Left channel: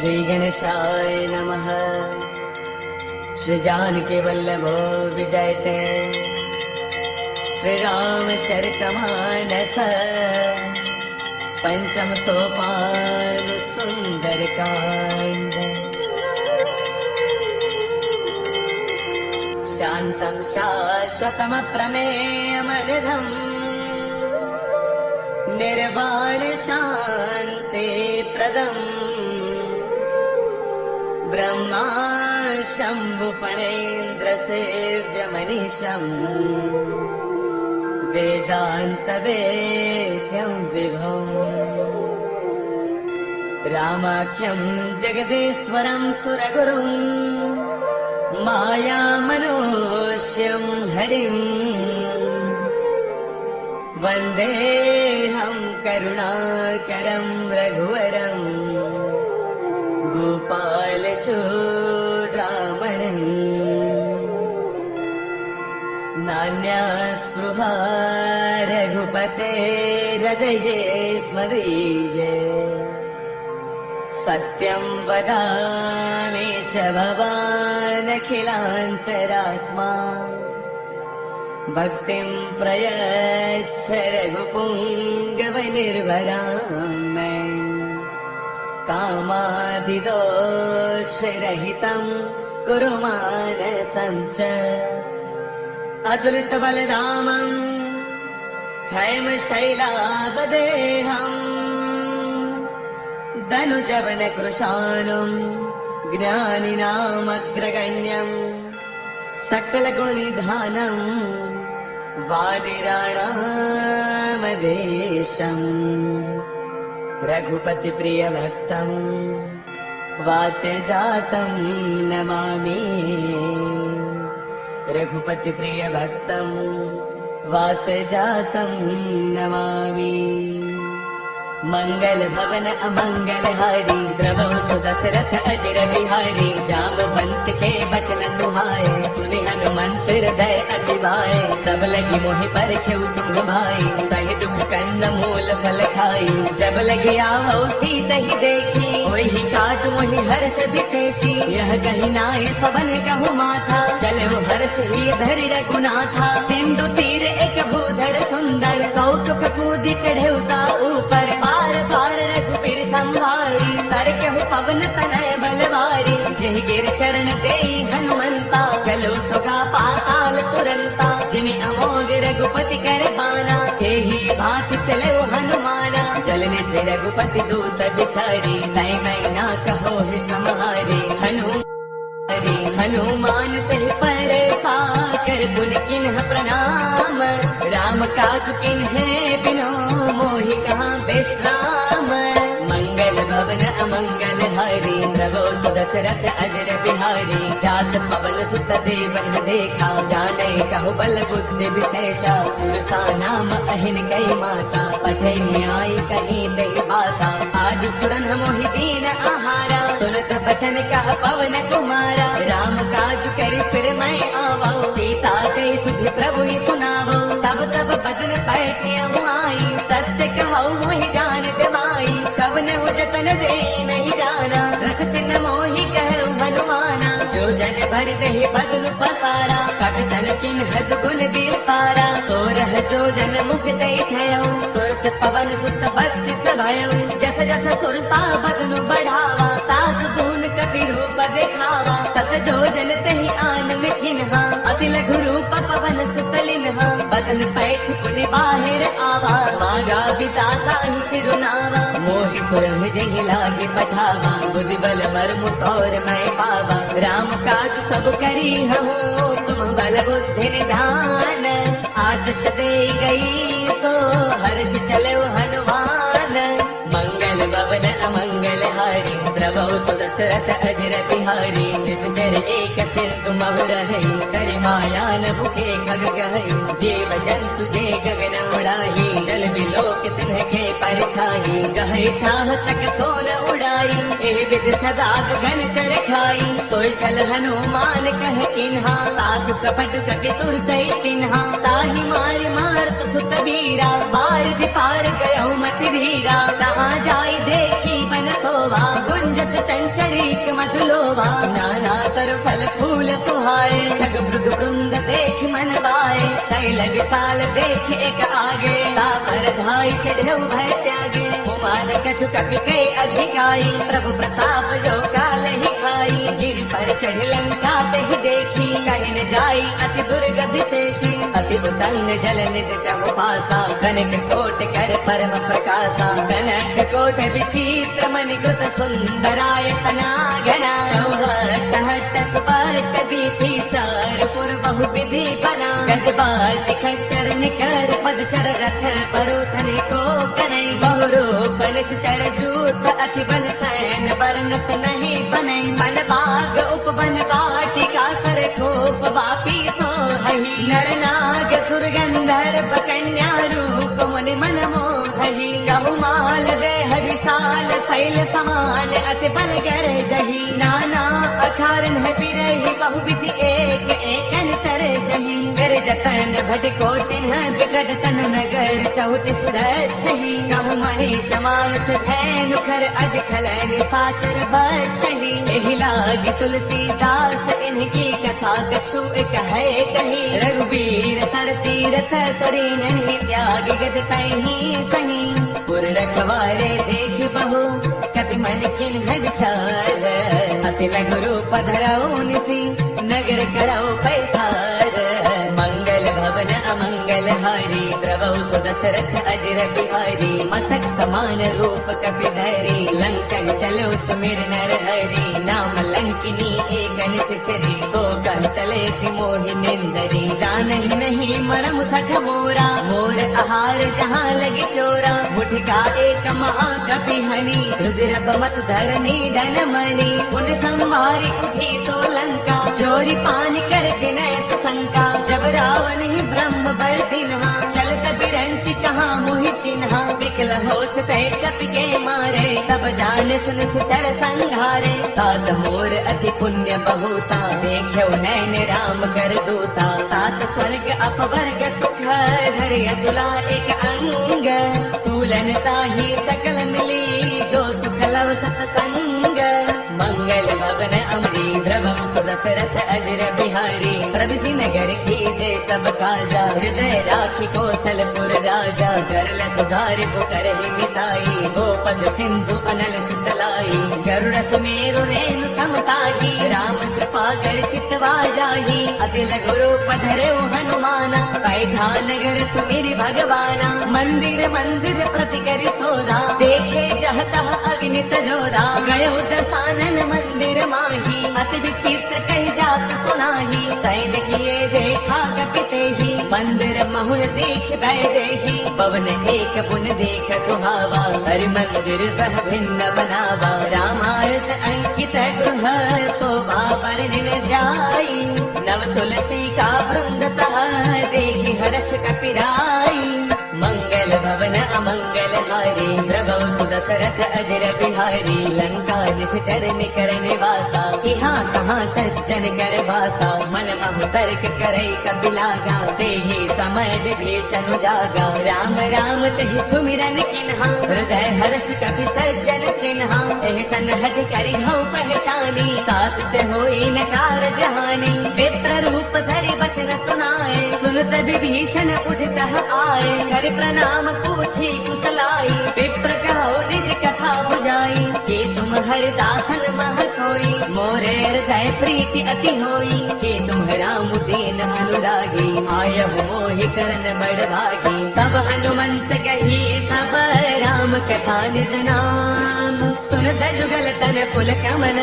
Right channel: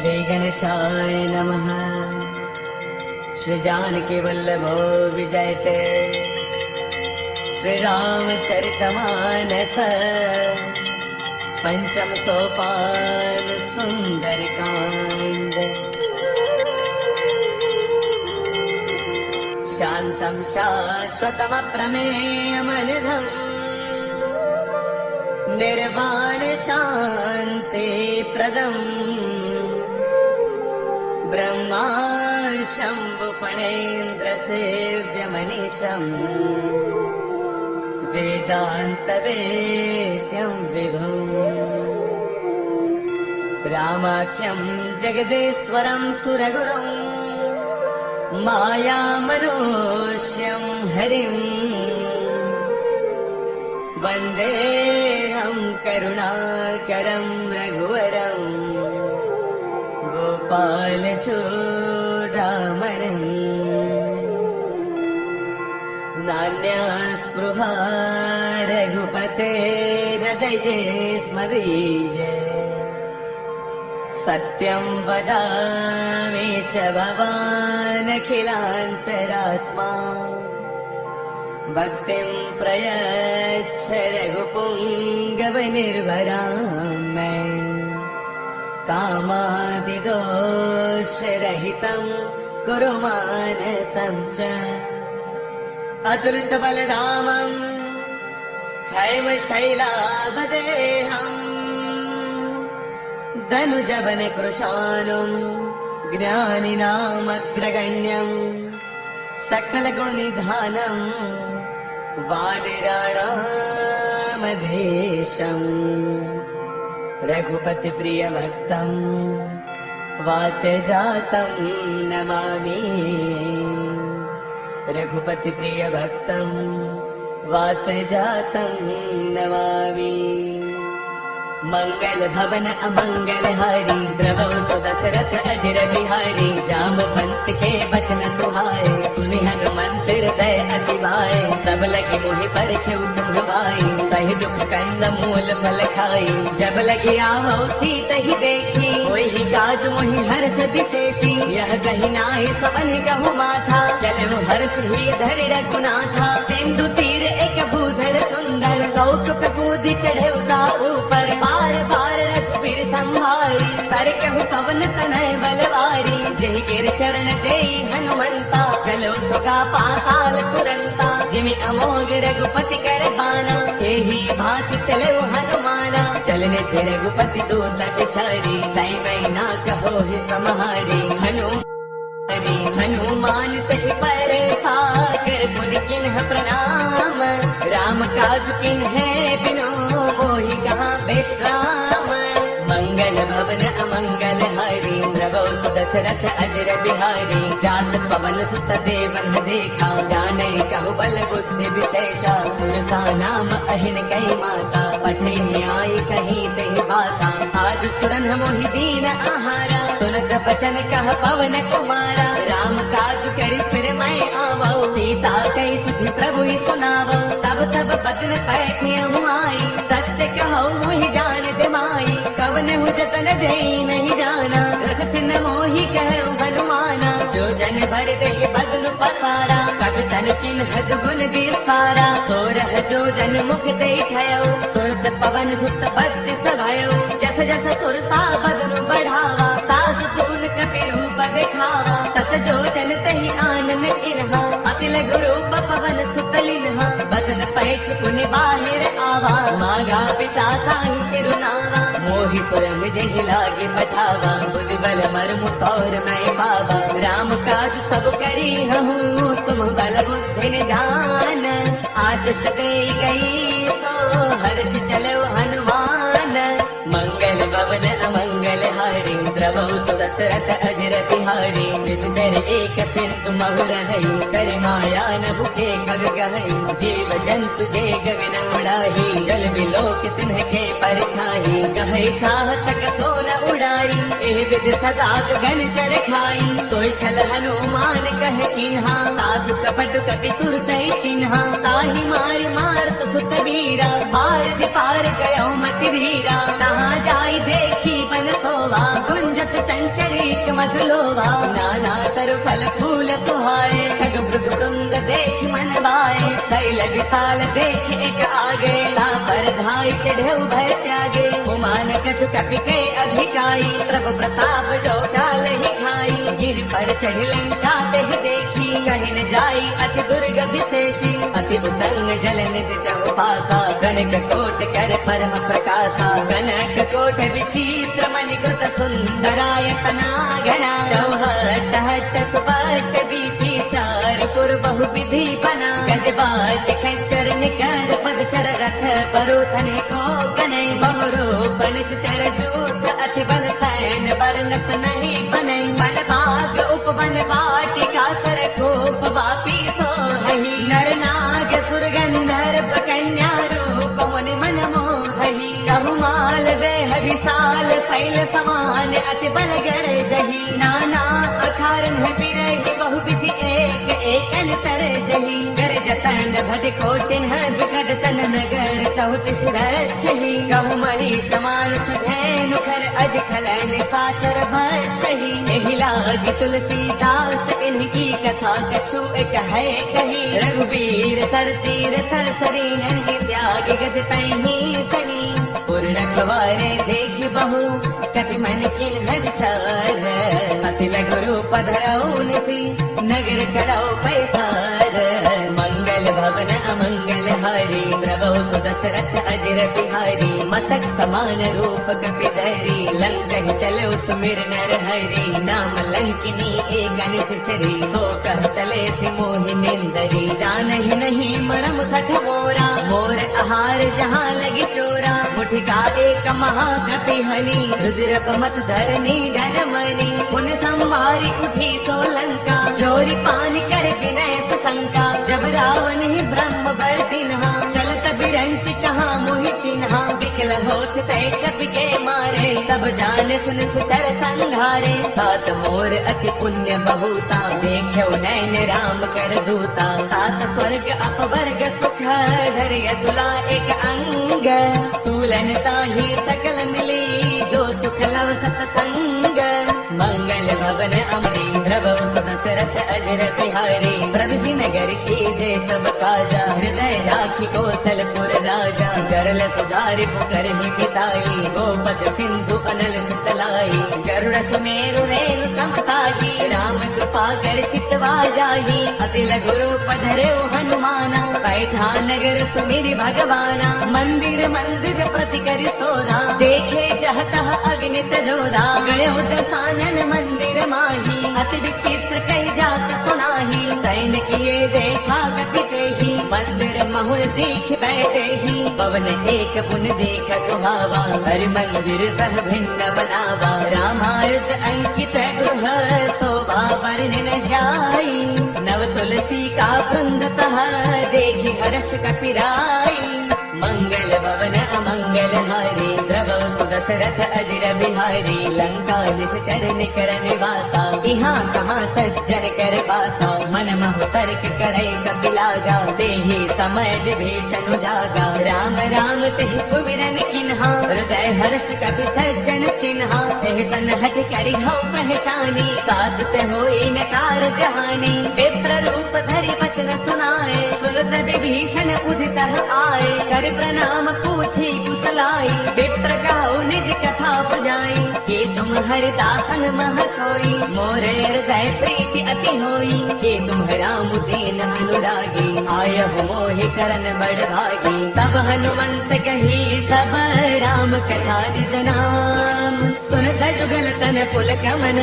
श्री गणेशाय नमः। श्री जानकी वल्लभो विजयते। श्री रामचरितमानस पंचम सोपान सुंदरकांड। शांतं शाश्वतमप्रमेयमनिधम् निर्वाण शांति प्रदम् ब्रह्मा शंभुफणेन्द्र सेव्यमनीशम् वेदांत वेद्यं विभो रामाख्यं जगदीश्वरं सुरगुरुं मायामनुष्यं हरिं वन्देऽहं करुणाकरं रघुवरं गोपालचूडामणिम्। नान्यस्पृहा रघुपतेर्हृदये स्मदीये। सत्यं वदामि च भवानखिलान्तरात्मा। भक्तिं प्रयच्छ रघुपुङ्गवनिर्भरां मे। कामादिदोषरहितं कुरु मानसं च। अतुलितबलधामं हैमशैलावदेहम् धनुजवनकृशानुं ज्ञानिनामग्रगण्यं सकलगुणनिधानं वानराणामधीशम्। रघुपतिप्रियभक्तं वात्यजातं नमामि। रघुपतिप्रियभक्तं वात्यजातं नमामि। मंगल भवन अमंगल हारी द्रवौ सुदशरथ अजर बिहारी। जामवंत के बचन सुहाए सुनि हनुमंत हृदय अति भाए। तब लगी मोहि परखेउ तुम भाई सहि दुख कंद मूल फल खाई। जब लगी आवो सीत ही देखी होहि काज मोहि हर्ष विशेषी। यह कही नाहि सबन कहु माथा चलो हर्ष ही धरि रघुनाथा। सिंधु तीर एक भूधर सुंदर कौतुक कूदि चढ़े उता ऊपर। बार बार रघुबीर संहारी तरकहु पवन तनय बलवारी। जह गिर चरण देई हनुमंता चलो सुगा पाताल तुरंता। जिमि अमोघ रघुपति कर बाना तेहि भांति चले हनुमाना। चलने ते रघुपति दूत बिचारी तै मैना कहो हे समहारी। हनुमान तहि पर साकर पुनि किन्ह प्रणाम। राम काज किन्हे बिनु मोहि कहाँ विश्राम। मंगल भवन अमंगल हारी नभो सुदशरथ अजर बिहारी। जात पवन सुत देवन देखा जाने कहु बल बुद्धि विशेषा। सुरसा नाम अहिन कई माता पठे न्याय कहीं देहि पाता। आज सुरन मोहि दीन आहारा सुनत बचन कह पवन कुमारा। राम काज कर फिर मैं आवो सीता कई सुधि प्रभु ही सुनावो। तब तब बदन पैठी आई सत्य कहो मोहि जान दे माई। कवन हो जतन दे नहीं जाना रस सिन मोहि कहु हनुमाना। जो जन भर दही बदन पसारा कट तन चिन्ह दुगुन विस्तारा। सोरह जो जन मुख दई भयो तुरत पवन सुत बत्तीस भयो। जस जस सुरसा बदन बढ़ावा तास दून कपि रूप दिखावा। सत जो जन तहि आनन किन्हा अति लघु रूप पवन सुत लिन्हा। बदन पैठ पुनि बाहिर आवा मांगा बिता थाई सिरुनावा। मोहि सुरभ जेहि लागी पठावा बुद्धि बल मर्म और मैं पावा। राम काज सब करी हूँ तुम बल बुद्धि निधान। आदेश दे गई सो हर्ष चलो हनुमान। मंगल भवन अमंगल हारी द्रवौ सुदशरथ अजर बिहारी। निश्चर एक सिंधु महुर है करि माया न भूखे खग गहै। जीव जंतु जे गगन उड़ाही जल बिलोक तिनके परछाई। कहे छाह सक सोन उड़ाई एहि विध सदा गगन चर खाई। सोई छल हनुमान कहे किन्हा साधु कपट कपि तुरतै चिन्हा। ताहि मार मारत सुत बीरा बार दिपार गयो मति धीरा। तहाँ जाई देखी बन सोवा गुंज जत चंचरिक मधुलोभा नाना तर फल फूल सुहाए खग मृग वृंद देख मन गाए शैल विशाल देख एक आगे पर धाई चढ़े भय त्यागे कुमान कछु कपि कई अधिकाई प्रभु प्रताप जो काल ही खाई गिर पर चढ़ी लंका तहि देखी कहीं न जाई अति दुर्ग विशेषी अति उतरन जल नित चौपासा कनक कोट कर परम प्रकाशा कनक कोट विचित्र मणिकृत सुंदरायतना घना चौहट हट सुपट बीथी चार पुर बहु विधि बना गजबाज खच्चर निकर पदचर रथ परोथन को गने बहुरूप निश्चर जूथ अति बल सैन बरनत नहीं बने वन बाग उपवन वाटिका सर थोप वापी सो हही नर नाग सुर गंधर्व कन्या रूप मुनि मन मोहही कहुमाल देह विशाल शैल समान अति बल गर जही नाना अखारन है बिरही बहु विधि एक एकन तर जही कर जतन भट कोटिन विकट तन नगर चौतीस रक्षही कहु महिष मानुष धैनु खर अज खलन साचर बक्षही एहि लागी तुलसीदास इनकी कथा कछु एक है कही रघुबीर सर तीरथ सरीन त्याग गद तहि सही पूर्ण खवारे देख बहु कपि मन किन है विचार अति लघु रूप धराऊ निसी नगर कराऊ पैसार मंगल भवन अमंगल हारी द्रवहु सुदशरथ अजर बिहारी मस्तक समान रूप कपिधरी लंका चलो सुमिर नर हरि नाम लंकिनी एक निश्चरी तो कह चले सिमोहि निंदरी जानहि नहीं मरम सठ मोरा मोर आहार जहाँ लगे चोरा मुठिका एक महाकपि हनी रुद्र बमत धरनी गन मनी उन संवारी उठी सो लंका चोरी पान कर विनय शंका जब रावण ही ब्रह्म बर दिन्हा चलत बिरंच कहा मोहि चिन्हा विकल होत तय कपि के मारे तब जान सुन चर संघारे तात मोर अति पुण्य बहुता देखो नैन राम कर दूता तात स्वर्ग अपवर्ग सुख धैर्य तुला एक अंग तूलन ताहि सकल मिली जो सुख लव सत्संग मंगल भवन अमरी द्रवहु सुदशरथ अजर बिहारी प्रभु श्री नगर की जय सब काजा हृदय राखी कौशलपुर राजा करल सुधारि पुकरहि मिताई गोपद सिंधु अनल सुतलाई गरुड़ सुमेरु रेणु समताही राम कृपा कर चितवा जाही अति लघु रूप धरे हनुमाना पैठा नगर सुमिरि भगवाना मंदिर मंदिर प्रति कर सोधा देखे जहतः अग्नित जोधा गयो दसानन मंदिर माही अति विचित्र कई जात सुनाही सैन किए देखा गपिते ही मंदिर महुर देख बैठे ही पवन एक पुन देख सुहावा हरि मंदिर सह भिन्न बनावा रामायण अंकित गृह शोभा वर्णन जाई नव तुलसी का वृंद तह देखी हर्ष कपिराई मंगल भवन अमंगल हारी द्रवहु सुदशरथ अजर बिहारी लंका निश्चर निकर निवासा यहाँ कहाँ सज्जन कर वासा मन मह तर्क करई कबिलागा तेहि समय विभीषण जागा राम राम तेहि सुमिरन किन्हा हृदय हर्ष कपि सज्जन चिन्हा तेहि सनहट करि हऊ पहचानी साथ ते होई न कारज हानि विप्र रूप धरि वचन सुनाए सुनत विभीषण उदितः आए कर प्रणाम पूछी कुशलाई विप्र कहो निज कथा बुझाई कि तुम हरिदासन मह कोई मोरे हृदय प्रीति अति होई कि तुम राम दीन अनुरागी आयहु मोहि करन बड़ भागी तब हनुमंत कही सब राम कथा निज नाम सुनत जुगल तन पुल कमन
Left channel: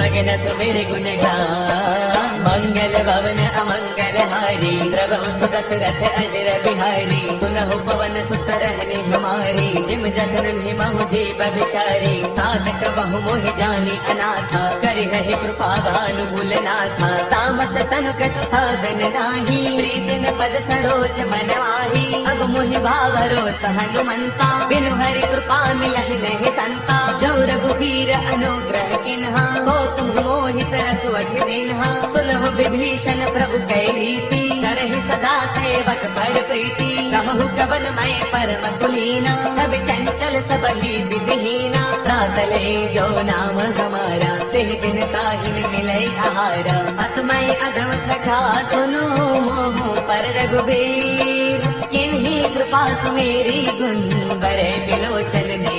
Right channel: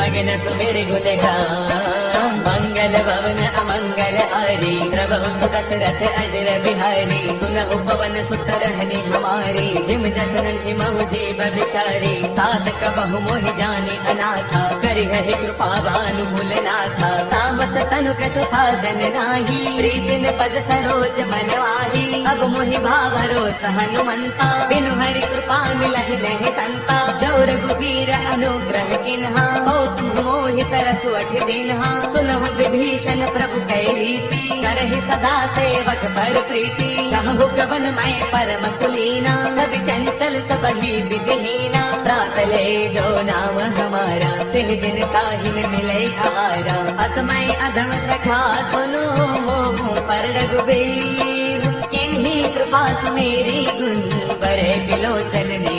मगन सुमिर गुण गान मंगल भवन अमंगल हारी द्रवहु सुदशरथ अजर बिहारी सुनहु पवन सुत रहने हमारी जिम जसनन हिमहु जीव बिचारी तात कबहु मोहि जानी अनाथा करि है कृपा भानु भूलनाथा तामस तनुक सुसादन नाही प्रीतिन पद सरोज मनवाही अब मोहि भावरोत हनुमंता बिनु हरि कृपा मिलहि नहीं संता जो रघुबीर अनुग्रह किन्हा हो तुम मोहि तरस वठ देनहा सुनहु विभीषण प्रभु कै रीति करहि सदा सेवक पर प्रीति कहु कवन मैं परम कुलीना तब चंचल सबहि विधिहीना साथ ले जो नाम हमारा, जिह दिन ताहि न मिले आहारा। असमय अधम सखा सुनो मोह पर रघुबीर, किन्हीं कृपा मेरी गुण बरे बिलोचन ने।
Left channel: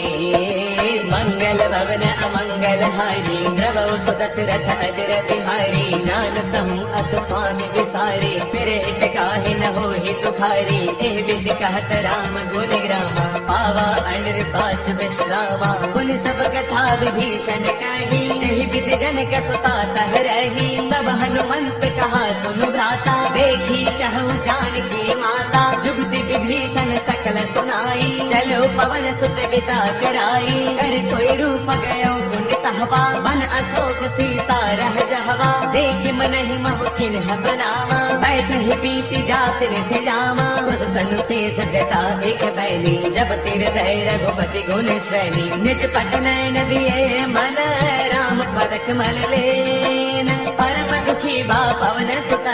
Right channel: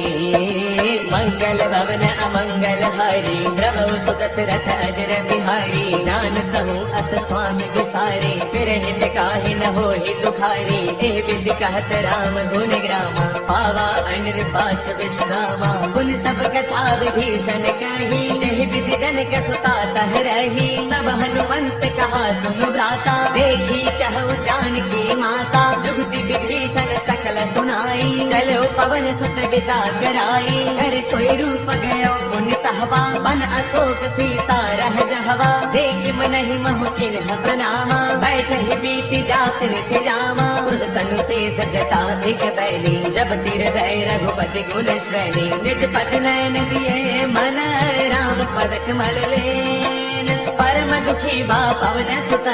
मंगल भवन अमंगल हारी, द्रवौ सुदशरथ अजर बिहारी। जानत हूँ अस स्वामी विसारी, फिर हित काहे न हो दुखारी। एह विधि कहत राम गुण ग्रामा, पावा अनिर्वाच विश्रामा। गुण सब कथा विभीषण कही, जहि विधि जनक सुता तह रही। तब हनुमंत कहा सुनु भ्राता, देखी चहु जानकी माता। जुगति विभीषण सकल सुनाई, चलो पवन सुत बिता कराई। कर सोई रूप गयो पुण्य तहवा, बन अशोक सीता रह जहवा। देख मन ही महु किन्ह प्रणामा, बैठ ही बीती जात निस जामा। उस तनु शेष जटा एक बैली, जब तिर भय रघुपति गुण श्रेणी। निज पद नयन दिए मन, राम पद कमल लेन। परम दुखी बा पवन सुत,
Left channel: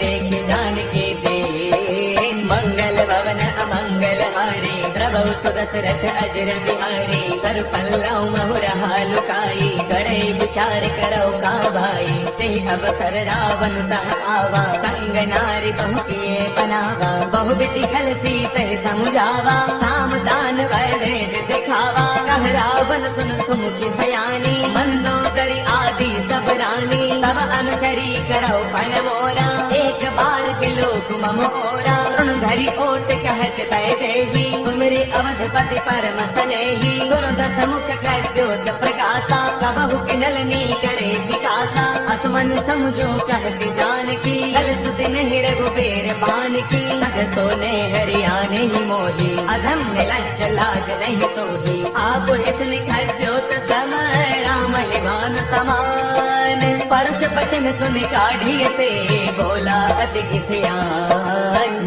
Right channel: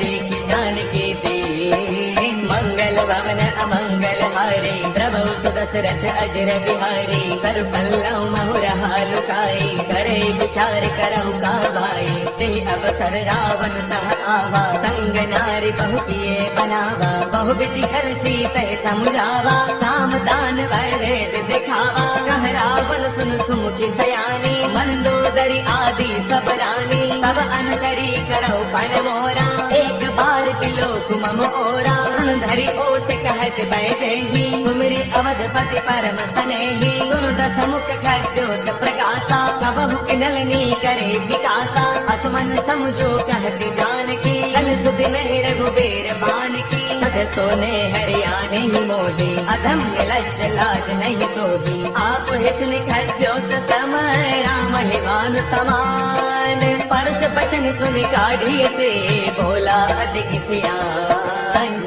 देखी जानकी दीन। मंगल भवन अमंगल हारी, द्रवौ सुदशरथ अजर बिहारी। कर पल्लव महुरहा लुकाई, करे विचार करौ का भाई। ते अवसर रावण तह आवा, संग नारी बहु किए बनावा। बहु विधि खल सीत ही समुझावा, साम दान वै वेद दिखावा। कह रावण सुन सुमुखी सयानी, मंदोदरी आदि सब रानी। तब अनुचरी करौ पन मोरा, एक बार बिलोक मम ओरा। धरि ओट कहत बैठे ही, सुमिरि अवधपति परम स्नेही। सुनो दस मुख खद्योत प्रकाशा, कबहु नलिनी करे विकासा। असमन समझो कहत जानकी, कल सुधि नहीं रघुबीर बानकी। सग सोने हरियाणे ही मोही, अधम निलज्ज लाज नहीं तोही। आप ही सुनि खद्योत सम, राम है बान समान। परस बचन सुनि काढ़ी से, बोला अति सियान।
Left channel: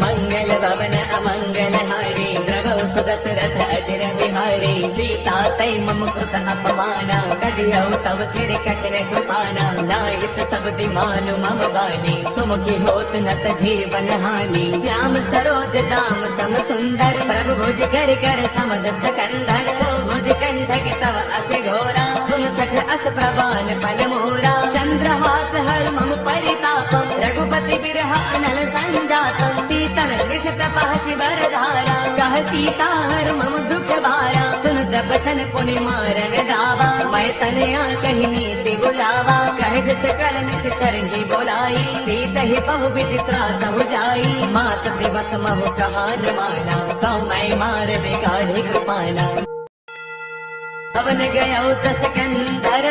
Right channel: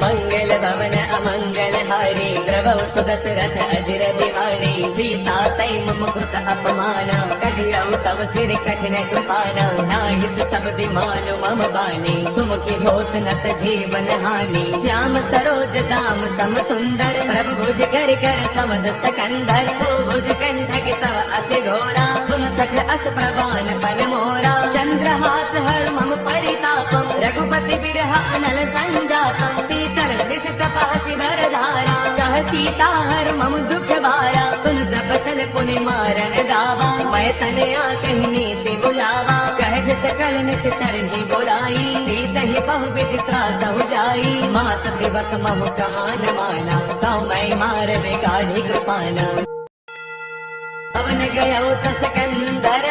मंगल भवन अमंगल हारी, द्रवौ सुदशरथ अजर बिहारी। सीता तै मम कृत अपमाना, कहियौ तव सिर कठिन कृपाना। नाहित सब मानो मम बानी, सुमुखी होत नत जीवन हानि। श्याम सरोज दाम सम सुंदर, प्रभु भुज कर कर समदस्त कंधर। सो भुज कंधक तव अस घोरा, सुन सठ अस प्रवान पन मोरा। चंद्रहास हर मम परितापम, रघुपति बिरह अनल संजातम। शीतल दिशत पहसि बरधारा, कह सीता हर मम दुख भारा। सुन बचन पुनि मारन दावा, मैं तनया कही नीति बुलावा। कह सकल निश्चर ही बोलाई, सीता ही बहु विधि त्रास हो जाई। मास दिवस महु कहा न माना, तो मैं मार बेगाही कृपाना। पवन गया दस कंदर,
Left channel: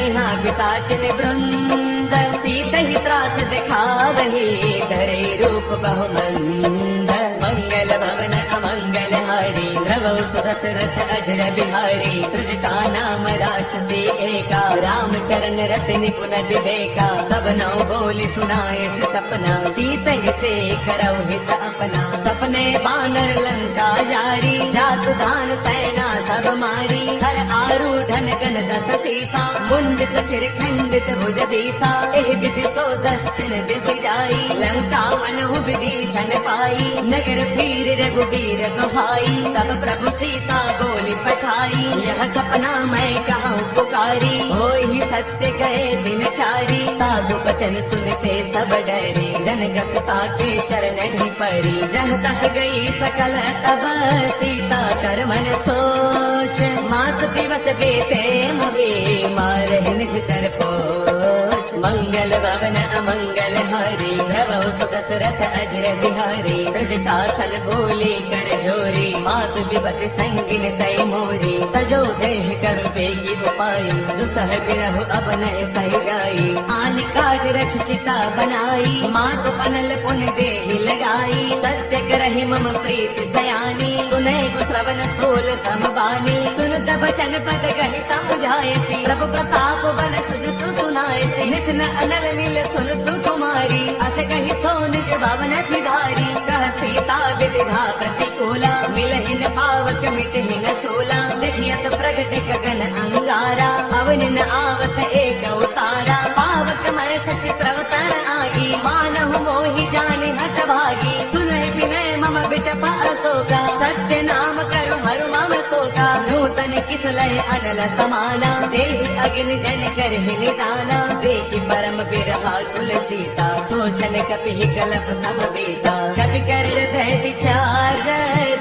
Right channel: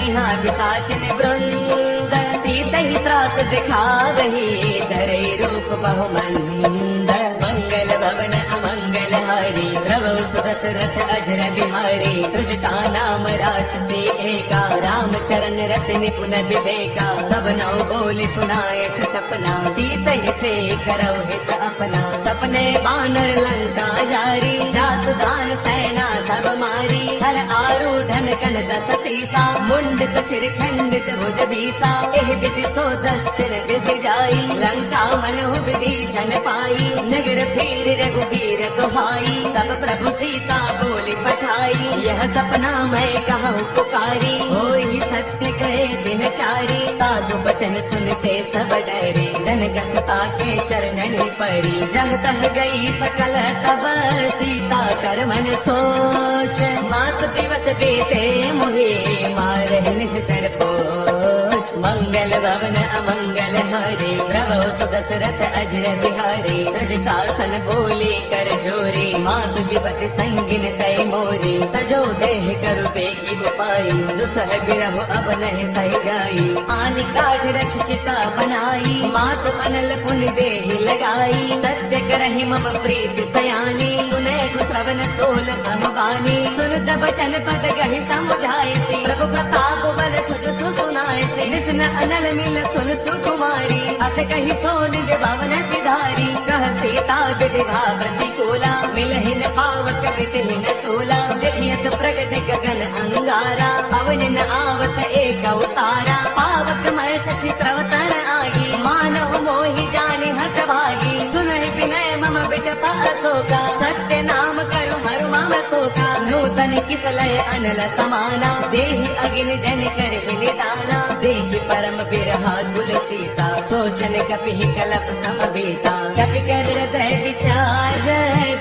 यहाँ विसाचन वृंद। सीता ही त्रास दिखा रही, धरे रूप बहुमंद। मंगल भवन अमंगल हारी, द्रवौ सुदशरथ अजर बिहारी। तुझ का नाम राक्षसी एका, राम चरण रत निपुण विवेका। सब नौ बोली सुनाए सपना, सीता ही से करौ हित अपना। सपने बानर लंका जारी, जातु धान सेना सब मारी। धन आरूढ़न कन दस सीसा, मुंडित सिर खंडित भुज बीसा। एह विधि सो दक्षिण दिस जाई, लंका मनहु विभीषण पाई। नगर फिर रघुबीर दुहाई, तब प्रभु सीता बोली पठाई। यह सपना मैं कहूँ पुकारी, होई सत्य कहे दिन चारी। साधु बचन सुनते सब डरी, जनक सुता के चरण ही पड़ी। जह तह गई सकल तब, सीता कर मन सोच। मास दिवस बीते मोहे, मारहि निश्चर पोच। मंगल भवन अमंगल हारी, द्रवौ सुदशरथ अजर बिहारी। ब्रज कासन बोले कर जोरी, मातु विपति संगिन तय मोरी। तजो देह कर बेगी पाई, दुसह गिरहु अब नह सह जाई। आन काट रख चिता बनाई, मातु अनल पुन देहि लगाई। सत्य करहि मम प्रीति सयानी, सुने गुसवन सोल समबानी। सुन तब बचन पद कहि समुझाए, प्रभु प्रताप बल सुज सुनाए। निस्न अनल नील सुन सुकुमारी, अस कहि सो निज भवन सिधारी। कह सीता विधि प्रतिकूला, मिलहिन पावक मिटहिन सूला। देखियत प्रगट गगन अंगारा, अवनिन आवत एक अवतारा। पावक मैं शशि प्रवतन आगी, मानहु मोहि जानि हठ भागी। सुनहि विनय मम बिटपा अशोका, सत्य नाम करु हरु मम शोका। नूतन किसलय अनल समाना देहि अगिन जन करहि निदाना देखि परम बिरहा कुल सीता सोचन कपि कलप समबीता कपि कर हृदय विचार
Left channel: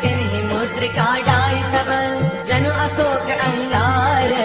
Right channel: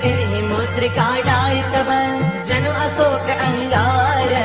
तिन्हि मूत्र का डार तब जनु अशोक अंगार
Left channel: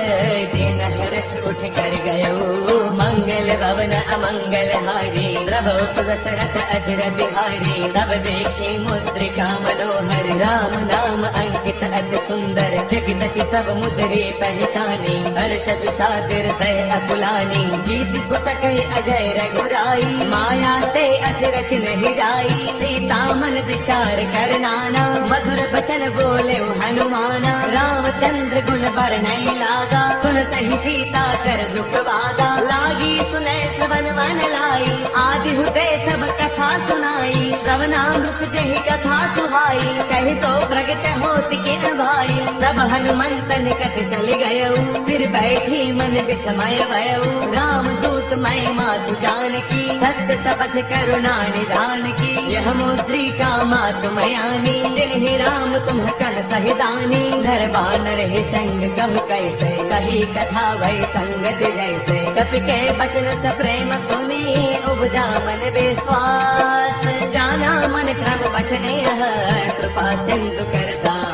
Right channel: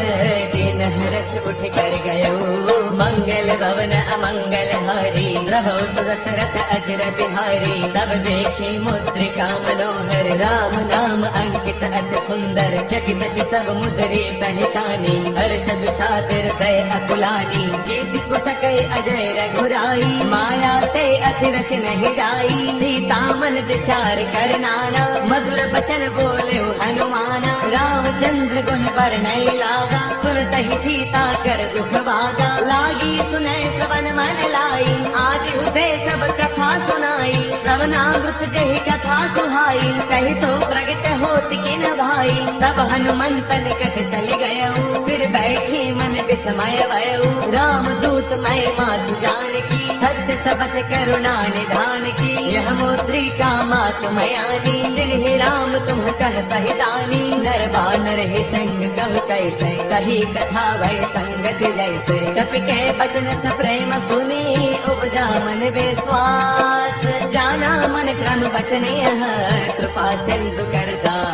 दिन हर्ष उठ कर गयो मंगल भवन अमंगल हारी प्रभु सुदशरथ अजर बिहारी तब देखे मुद्रिका मनोहर राम नाम अंकित अति सुंदर चकित चितव मुद्री पहचानी हर्ष विषादिर तय अकुलानी जीत को सके अजय रघुराई माया ते असिरच नहीं जाई सीता मन विचार कर नाना मधुर बचन बोले हनुमाना रामचंद्र गुण बरनई लागा सुनत ही सीता कर दुख बागा लागी सुने श्रवण मन लाई आदि हुते सब कथा सुनाई श्रवणामृत जही कथा सुहाई कहि सो प्रगट होत किन भाई तब हनुमंत निकट चल गयो फिर बैठी मन विस्मय भयो राम दूत मय मातु जानकी सत्य सबथ करुणा निधान की यह मुद्रिका मातु मयानी तिन्हि राम तुम कह सहितानी नर बानर ही संग कह कैसे कही कथा भय संगत जैसे कपि के बचन स प्रेम सुने उपजा मन विश्वास जाना मन धर्म बचने कृपा सिंधु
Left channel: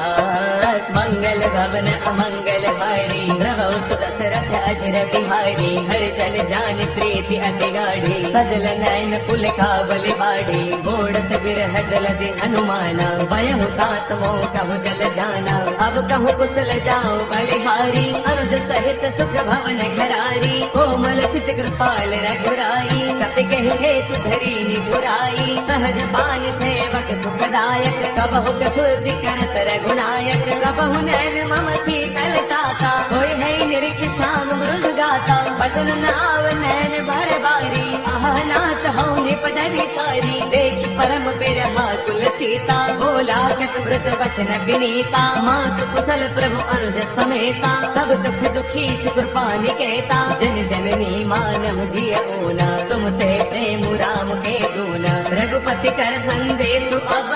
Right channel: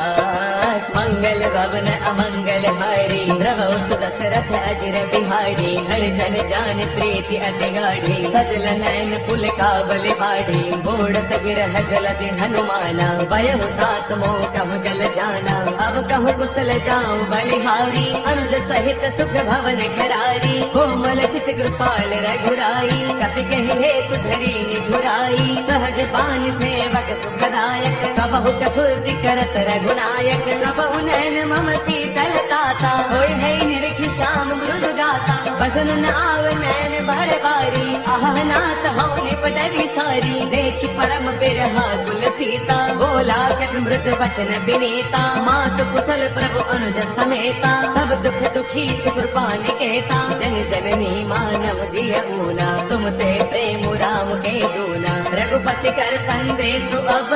करदास मंगल भवन अमंगल हारी प्रभु सुदशरथ अजर बिहारी हर जन जान प्रीति अति गाढ़ी सजल नयन पुल काबल बाड़ी बोड़त बिरह जलधि हनुमाना भयहु तात मोह कहु जल जाना अब कहु कुशल जाऊं बलिहारी अनुज सहित सुख भवन खरारी कोमल चित कृपाल रघुराई कपि कहि हेतु धरी निधुराई सहज बान सेवक सुखदायक कबहु कसुरति करत रघुनायक कबहु नैन मम शीतल ताता होय है निरख श्याम मृदु गाता बसन नाव नैन भर बारी आह नाथ हऊ निपटनि सारी देखि परम बिरहा कुल सीता बोला कट मृत बचन विनीता मात कुशल प्रभु अनुज समेता तब दुख दुखी सुख पानिकेता जन जननी मानव जियऊना तुम ते प्रेम राम के दूना रघुपति कर संदेश अब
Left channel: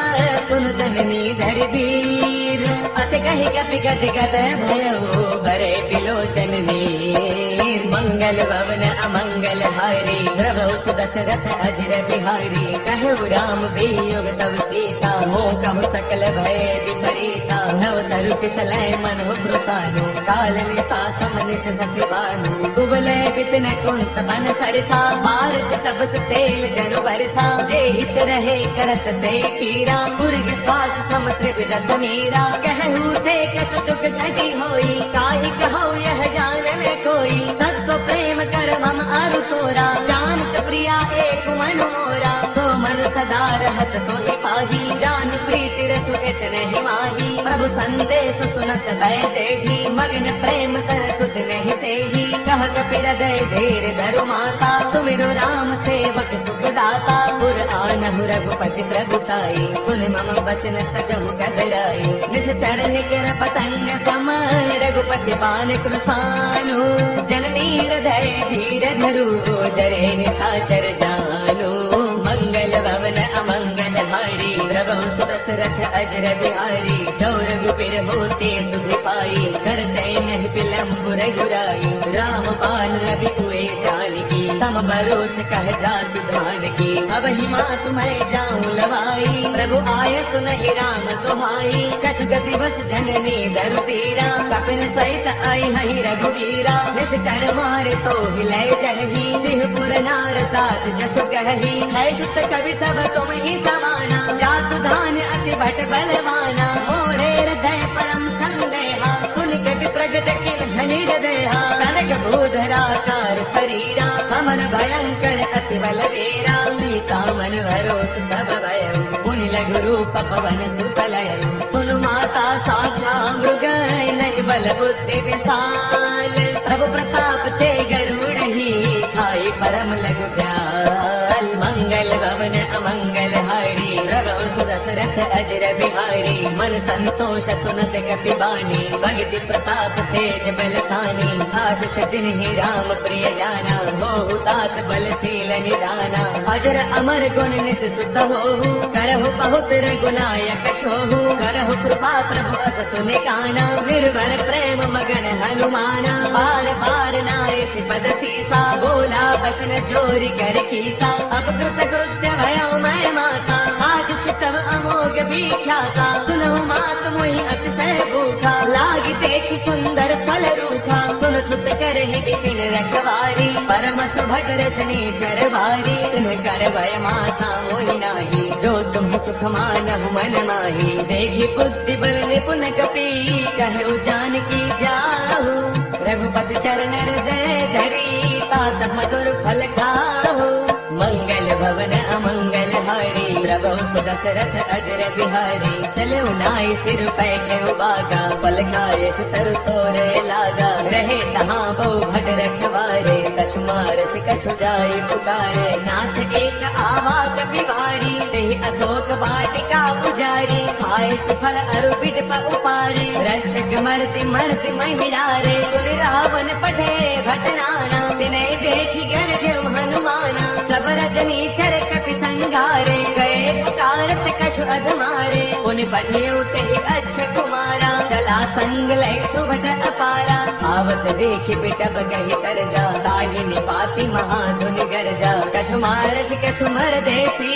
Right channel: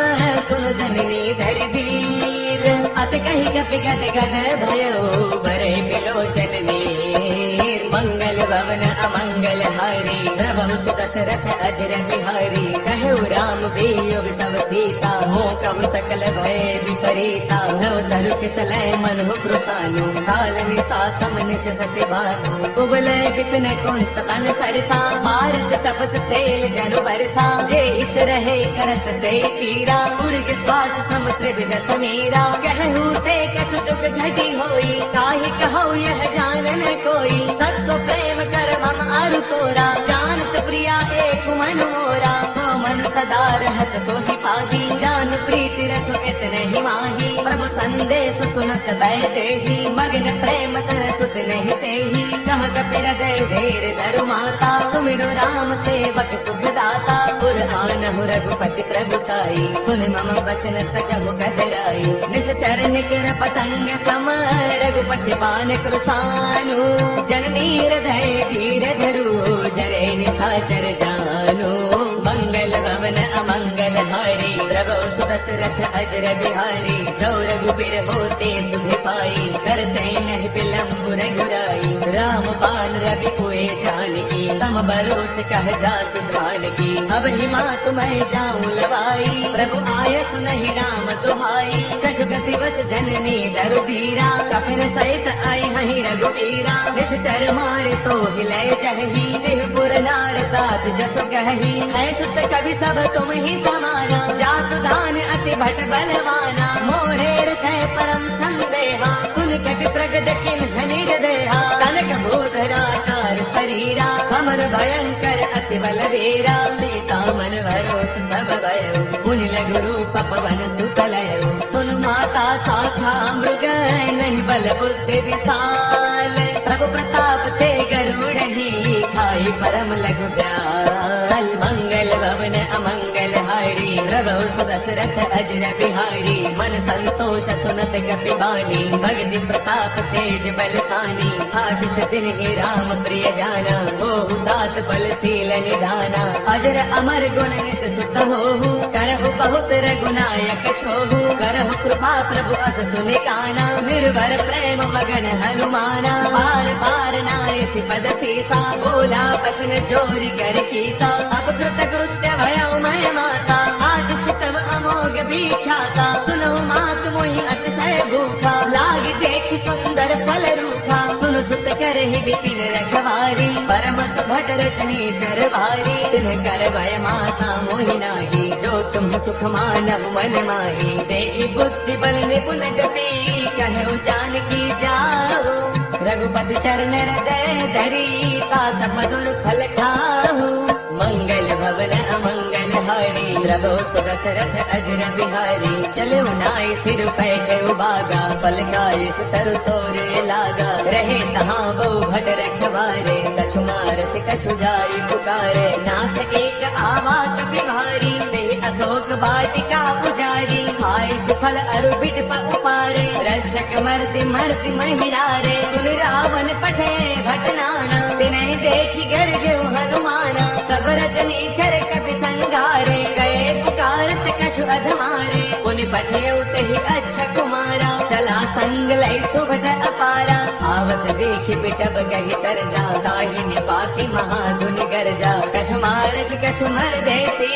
सुन जननी धरि धीर अत कही कपि गति गत भयो भरे बिलोचन नीर मंगल भवन अमंगल हारी प्रभु सुदशरथ अजर बिहारी कहु राम वियोग तव सीता मोह कहु सकल भय विपरीता नव तरु किसलय मनु कृतानु काल निसा समनिस सति भानु कुबलय विपिन कुंत बन सरसा भारत तपत तेल जनु बरसा जे हित रहे करत ते पीरा पुर विश्वास समुद्र विदत मीरा कहु ते कछु दुख घटी होई काहे कहु यह जानन कोई तत्व प्रेम कर मम अर तोरा जानत प्रिया एक मन मोरा सो मन सदा रहत तो ही पाही जान प्रीति रस कित नहीं माही प्रभु संदेश सुनत भय देही मगन प्रेम तर सुत नहीं तेही कह कपि हृदय धीर धरु माता सुमिरु राम सेवक सुख दाता पुर आनहु रघुपति प्रभुताई सुन मम वचन सचहु गतराई निस चरण कर पतंग सम रघुपति पान कृसानु जननी हृदय धीर धरु जरे निशाचर जानो मंगल भवन अमंगल हारी प्रभु सुदशरथ अजर बिहारी जो रघुबीर होते सुधि पाई करते नहीं बिलम्ब रघुराई राम बाण रवि कोय जानकी तम बरोत कह जात धान की अब ही माँ तुम्हें जाऊं लवाई प्रभु आयत नहीं राम दुहाई कसुग दिवस जननी दर धीरा कपिल सहित आई हई रघुवीरा निश्चर मारे तो हिलय जही त्रिपुर नार तात जसु कही है सुत कवि सब तुम ही समाना जातु दान अति भट बलवाना मोरे हृदय परम संदेहा सुन कवि प्रगट किन धनि हृदया कनक भूधरा कार शरीरा हमर भयंकर अति बलवीरा सीता मन भरोस तब भय मुनि लघु रूप पवन सुतलय सुन माता साधा मृग नहीं बल बुद्धि विशाल प्रभु प्रताप ते गरुड़ ही खाई परम लघु दयाल मंगल भवन अमंगल हारी प्रभु सुदशरथ अजर बिहारी मन संतोष सुनत कपि बानी भगति प्रताप तेज बलसानी आशीष तिन्हि राम प्रिय जाना होहु तात बलशील निधाना अजर अमर गुण नित सुत होहु करहु बहुत रघुनायक छोहु करहु कृपा प्रभु अस सुनि काना निर्भर प्रेम मगन हनुमाना बार बार नाई पद सीसा बोला बसन जोरी कर कीसा अपकृत कृत्य भया मैं माता आशीष तब अमोघ विख्याता सुनहु मात मोहि अतिशय भूखा लाग देख सुंदर फल रूखा सुन सुत करहि विपिन रखवारी परम सुभट रजनी चरवारी तिन्ह कर भय माता मोहि नाही जो तुम सुख मानव मन माही देहि बुद्धि बल निपुण कपि कहु जानकी जाहु रघुपति चरण हृदय धरी तात मधुर फल खाहु मंगल भवन अमंगल हारी प्रभु सुदशरथ अजर बिहारी चलो नाई सिर पैठे उबागा फल खाए सुतर तोरे लागा रहे तहाँ वो भट रखवारे कछु मारस कछु जाई पुकारे नाथ एक आवा कपि भारी देहि अशोक वाटिका पुजारी खाए फल अरु बिट उपारे रक्षक मरति मरति महिलारे सुन रावण पठे भटनाना तिनहि देखि गरजु हनुमाना सब रजनी चर कपि संघारे गए पुकारत कछु अधमारे उन पठेउ तहि अच्छा कुमारा चला संग लय सुभट अपारा आवत देख बिटब कहि तर जा ताहि निपाति महाधुन गरजा कछु मारच कछु मर देसी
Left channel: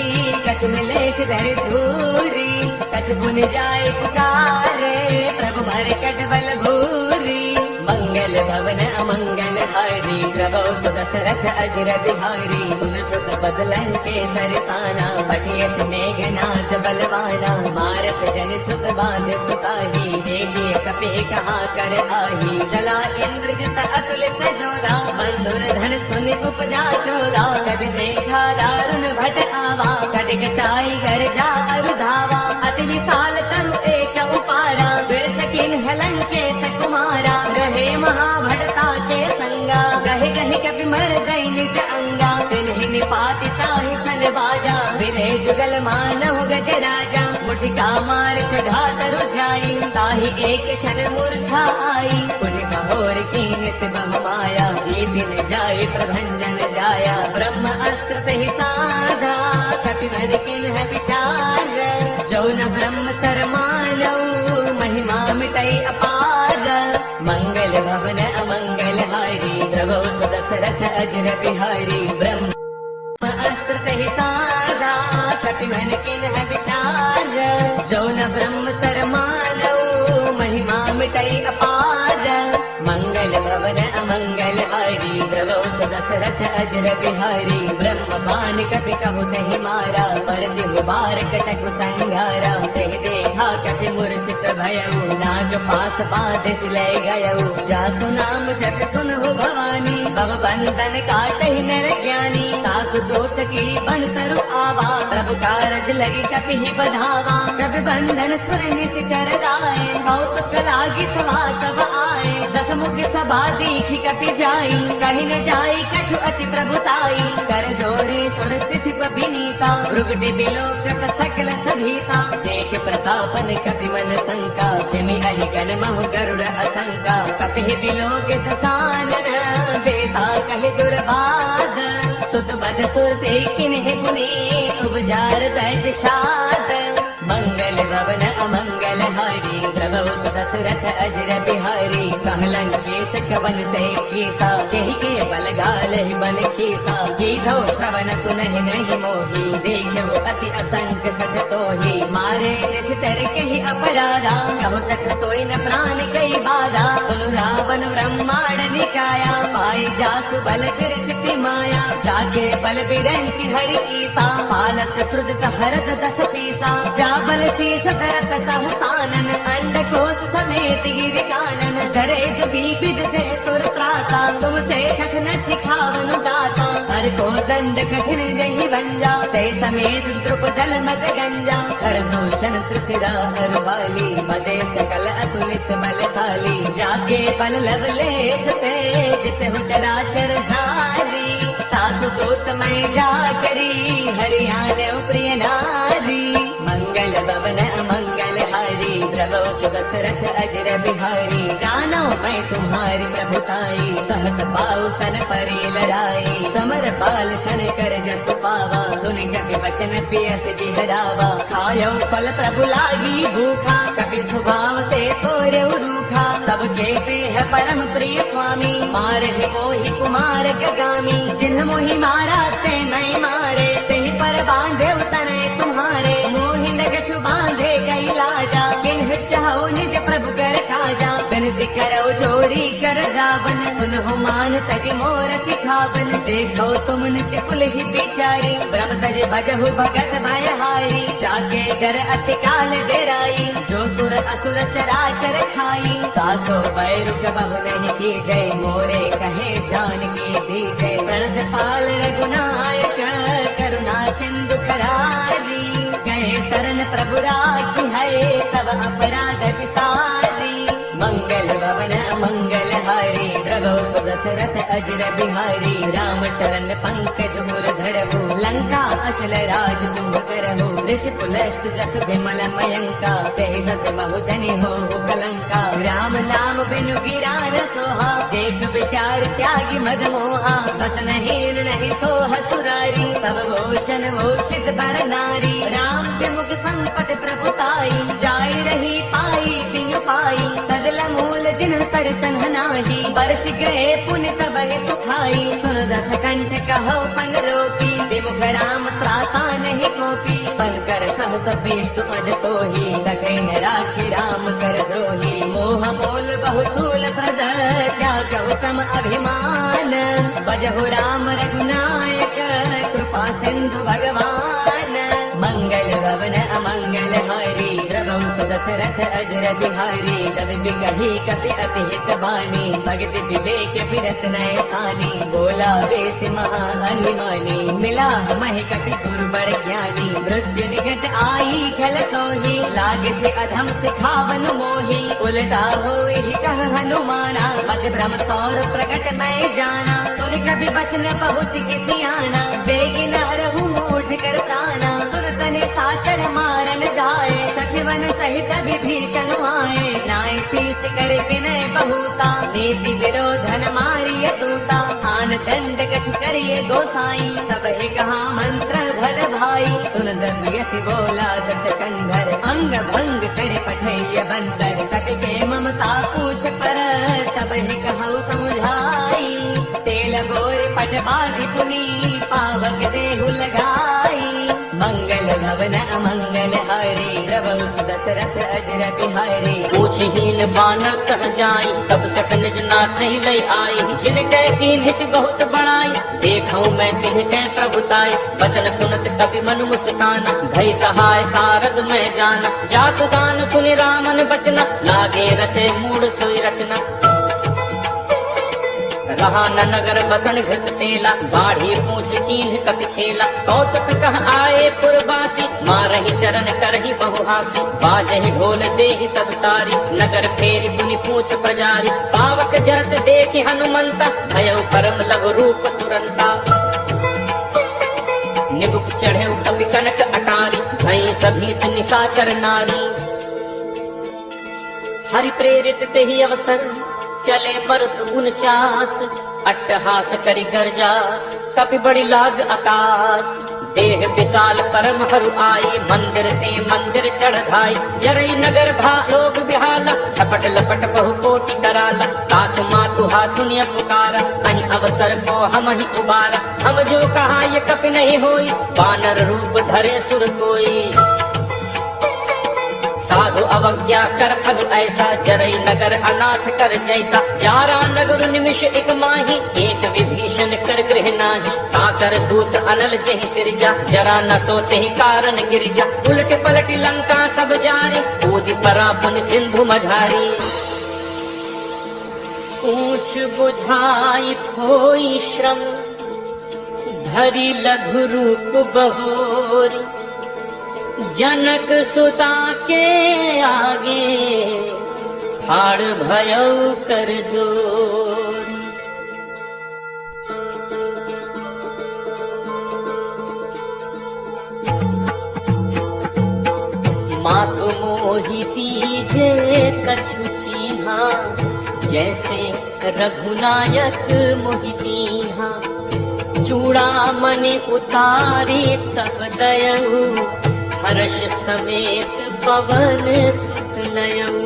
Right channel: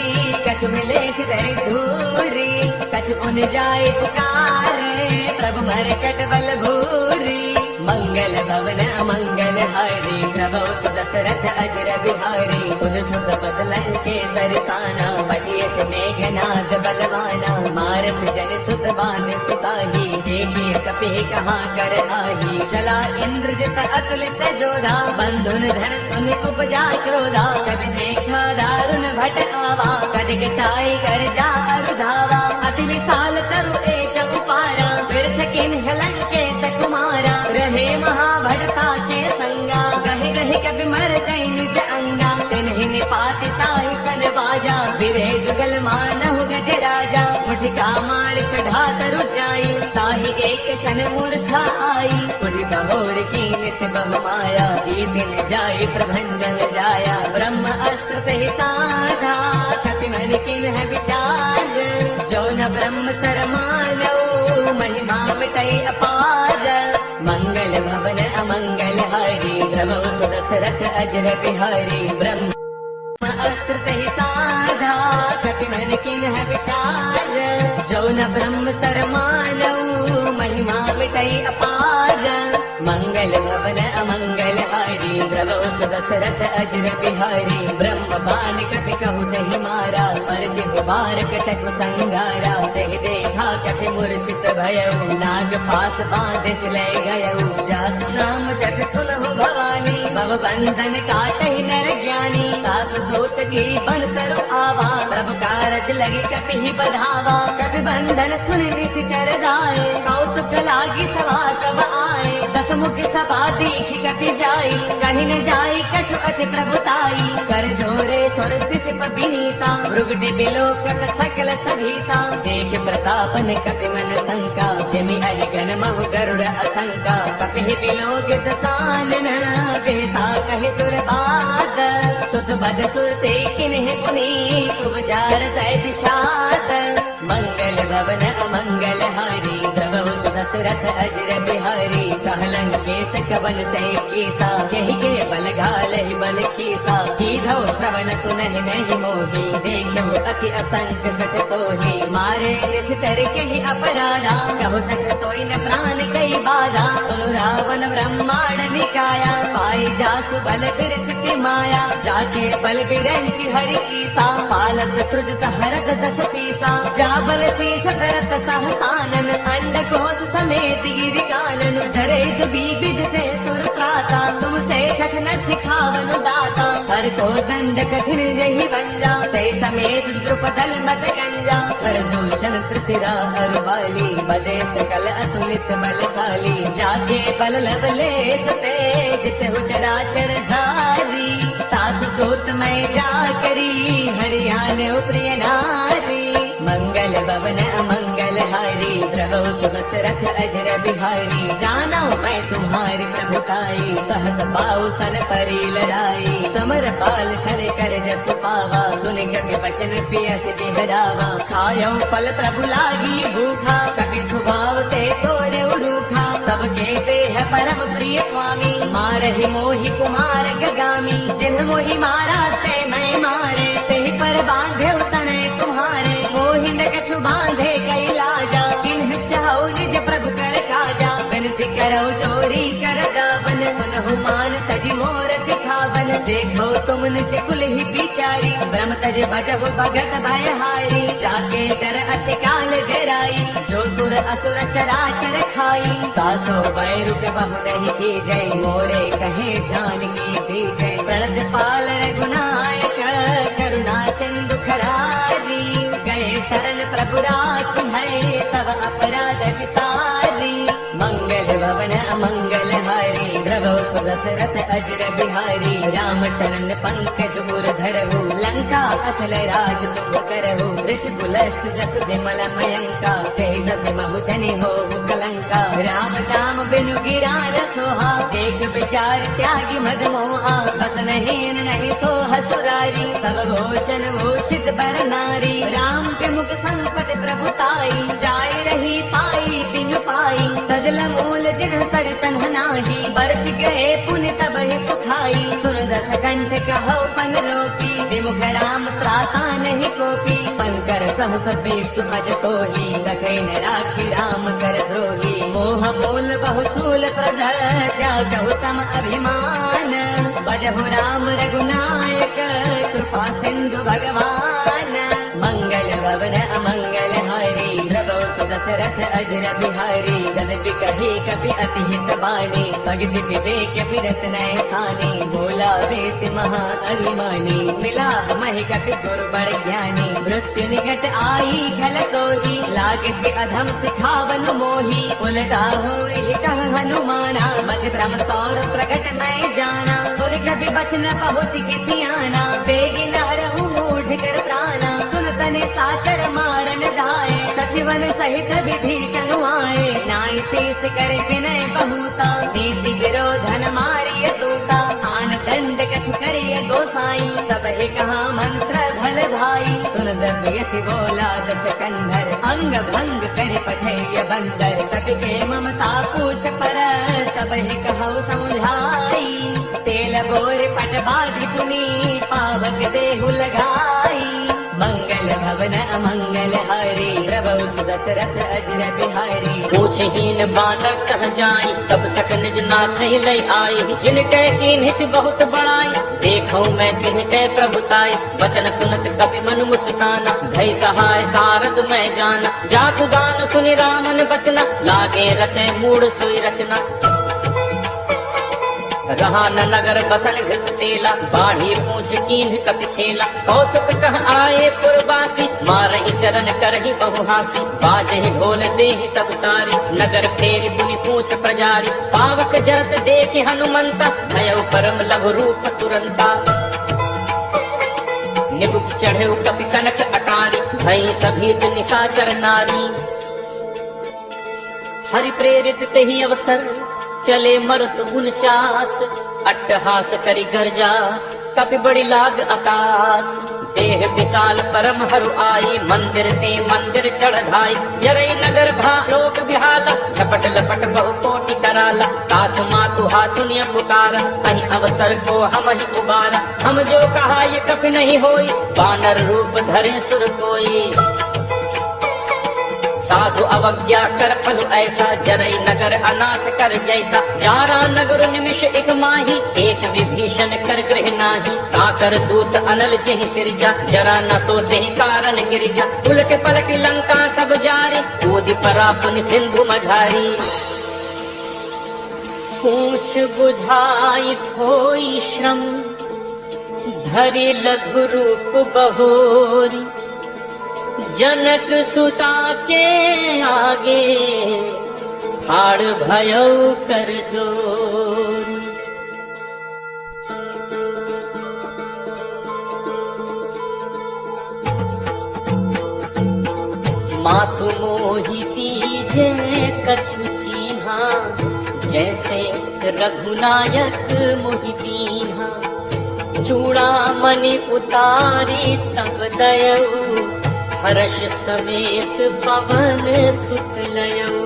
कछु मिले सिधर धूरी कछु पुन जाए पुकारे प्रभु मर कटबल भूरी मंगल भवन अमंगल हारी प्रभु सुदशरथ अजर बिहारी सुन सुत बदलन के सरसाना पठियत मेघनाथ बलवाना मारत जन सुत बात सुताही देखिए कपि कहा कर आही चला इंद्रजित अतुलित जोधा बंधुन धन सुन उपजा क्रोधा कभी देखा दारुण भट आवा कटक टाई कर जा अरुधावा अति विशाल तरु एक उपारा बिरथ किन्ह लंकेश कुमारा रहे महाभटता के संगा कहे कहे कभी मर गई निज अंगा तिन्हि निपाति ताहि सन बाजा फिरे जुगल मानव गज राजा मुठिका मार चढ़ा तरु जाई ताहि एक क्षण मूर्छा आई मुठिका होर कीन से बह पाया जी दिन जाए प्रभंजन जाया ब्रह्म अस्त्र ते साधा कपि मन किन्ह विचार जो न ब्रह्म सर मानो महिमा मिटई अपार मंगल भवन अमंगल हारी प्रभु सुदशरथ अजर बिहारी ब्रह्म अस्त्र ते साधा कपि मन किन्ह विचार जो न ब्रह्म सर मानो महिमा मिटई अपार मंगल भवन अमंगल हारी प्रभु सुदशरथ अजर बिहारी ब्रह्म बान कपि कहु नहीं मारा परति बार कटक संगारा तेहि देखा कपि मूर्छित भयउ नाग पास बांध सिलय गयउ जासु नाम जप सुनहु भवानी भव बंधन काटहि नर ज्ञानी सासु दूत की बन तरु आवा प्रभु कारज लगी कपि ही बढ़ावा कपि बंधन सुन निश्चर दाए कौतुक लागी सभा सब आए दस मुख सभा देखी कपि जाई कहीं न जाई कछु अति प्रभुताई कर जोरे सुरति सिप विनीता भृगुटि बिलोकत सकल सभीता देख प्रतापन कपि मन शंका जमि अहि गण महु गरुड़ असंका कपि बिलोकित सानन बेता कहि दुर्बाध सुत बद सुरते किन्हि पुनि उपजार तय विषाद मंगल भवन अमंगल हारी प्रभु सुदशरथ अजर बिहारी कहलन केस कवन ते कीसा यही के बल घालहि मन कीसा कीधो श्रवण सुनहि नहीं मोही देखम अति असंग सठ तोही मारे निश्चर के ही अपराधा कहो सठ तोई न प्राण कई बाधा सुनु रावण ब्रह्मांड निकाया पाई जासु बल कर चित माया जाके बल बिरंच हरि कीसा पालत सृजत हरत दस सीसा जा बल शीस करत सहसानन अंड कोस समेत गिर कानन धरे जुबी विदते सुर त्राता तुमसे कठिन सिखावन दाता हर को दंड कठिन रही भंजा ते समेत द्रुपदल मद गंजा कर दूषण सिरा हर बाली मदे सकल अतुलित बलशाली जाके पल लवलेस ते जित हो चराचर सारी सासु दूत मैं जा करी हरियाणा प्रिय नारी दशरथ अजर बिहारी, जानो मैं तुम्हारी प्रभुताई, सहस पाऊ सन परी लड़ाई, समर पाल सन कर जस पावा, सुन कपि वचन पियस बिहरावा, खायो फल प्रभु लागी भूखा, कपि स्वभाव ते तोरे रूखा, सबके ते है परम प्रिय स्वामी, मारहि मोहि कुमार गगामी, जिन्ह मोहि मारा ते मैं मारे, तेहि पर बांधे तने तुम्हारे, मोहि न कछु बांधे कई लाजा, किन्ह चाहो निज प्रभु कर काजा, विनती करो जोरी कर गावन, सुनहु मान तज मोर सिखावन, देखो तुम निज कुल ही बिचारी, ब्रह्म तज भजहु भगत भयहारी, जाके डर अति काल डेराई, जो सुर असुर चराचर खाई, तासो बैर बहु नहीं की जय, मोरे कहे जान की दी जय, व्रत पाल रघुनायक करुणा सिंधु खरारी, कहे शरण प्रभु राखी है तब अपराध विसारी, मंगल भवन अमंगल हारी, प्रभु दशरथ अजर बिहारी, राम चरण पंकज उर धरहु, लंका असल राज तुम करहु, ऋषि पुलस्त जस विमल मयंका, तेहि सत महु जनि होहु कलंका, राम नाम बिनु गिरार सोहा, देख विचार त्यागी मद मोहा, बस नहीं नहीं सोह सुरारी, सब भूषण भूषित बर नारी, राम विमुख संपट प्रभुताई, जाय रही पाई पिनु पाई, सजल मूल जिन पर तन नाही, वर्ष गए पुण्य तब ही सुखाई, सुर दस कंठ कहो पन रोकी, विमुख राम त्राता नहीं कोपी, शंकर सहस विष्णु अज तोहि, सखई न राखी राम कर द्रोही, मोह मूल बहुसूल प्रद त्यागहु तम अभिमान, बजहु राम रघुनायक कृपा सिंधु भगवान, मंगल भवन अमंगल हारी, प्रभु दशरथ अजर बिहारी, जदपि कही कपि अति हित बानी, भगति विवेक बिरत नय स्थानी, बोला बेस महा अभिमानी, मिला महि कपि गुरु बड़ ज्ञानी, मृत्यु निकट आई खल तोहि, लाग से अधम सिखावन मोहि, उलटा होई कह हनुमाना, मत भ्रम तौर प्रगट मैं जाना, सुर कपि बसन बहुत घिसियाना, बेगी नहरहु मूढ़ कर प्राणा, सुन तने साचर मारन धाये, सचिवन सहित विभीषण आए, नाय शीस कर विनय बहुता, नीति विरोधन मारिय तूता, आन दंड कछु करिय गोसाई, सब ही कहा मंत्र भल भाई, सुन दबियसि बोला दस कंधर, अंग भंग कर पठैय बंदर, कपि के ममता पूछ पर, सब ही कहु समुझाई, तेल बोर पट बाधि पुनी, पावक देहु लगाई, मंगल भवन अमंगल हारी, प्रभु दशरथ अजर बिहारी, पूछहीन बानर कह जाई, तब सखन नाथ लय आई, जिनके कीन्हिस बहुत बड़ाई, देखौ मैं तिनके प्रभुताई, वचन सुनत कपि मन मुस्काना, भय सहाय सारद मैं जाना, जात गान सुन रामन बचना, लागे रचे मूड सोई रचना, रहा न नगर बसन घृत तेला, बाढ़ी पूछ कीन्ह कपि खेला, कौतुक कह आए पुरवासी, मारहि चरण करहि बहुहासी, बाजहि ढोल देहि सब तारी, नगर फेरि पुनि पूछ प्रजारी, पावक जरत देखि हनुमंता, भयउ परम लघु रूप तुरंता, निबुक चढ़ेउ कपि कनक अटारी, भई सभीत निशाचर नारी, हरि प्रेरित तेहि अवसर, चले मरुत 49, अट्टहास करि गर्जा, कपि बड़ी लाग आकाश, देह विशाल परम हरु आई, मंदिर ते मंदिर चढ़ाई, जरई नगर भालोक बिहाला, झपट लपट बहु कोटि कराला, तासु मातु हा सुनिय पुकारा, अहि अवसर को हम ही उबारा, हम जो कहा ये कपि नहीं होई, बानर रूप धरे सुर कोई, साधु अवज्ञा कर फल ऐसा, जरई नगर अनाथ कर जैसा, जारा नगर निमिष एक माही, एक विभीषण कर गृह नाही, काकर दूत अनल जहि सिरजा, जरा न सोते ही कारण गिरजा, उलट पलट लंका सब जारी, कूदि परापन सिंधु मझारी, पूछ बुझाई कोई श्रम, धरि लघु रूप बहोरी, जनक सुता के आगे, ठाड़ भयउ कर जोरी, मातु मोहि दीजे कछ जैसे रघुनायक मोहि दीन्हा, चूड़ामणि उतारी तब दयऊ, हर्ष समेत पवन सुत लयऊ।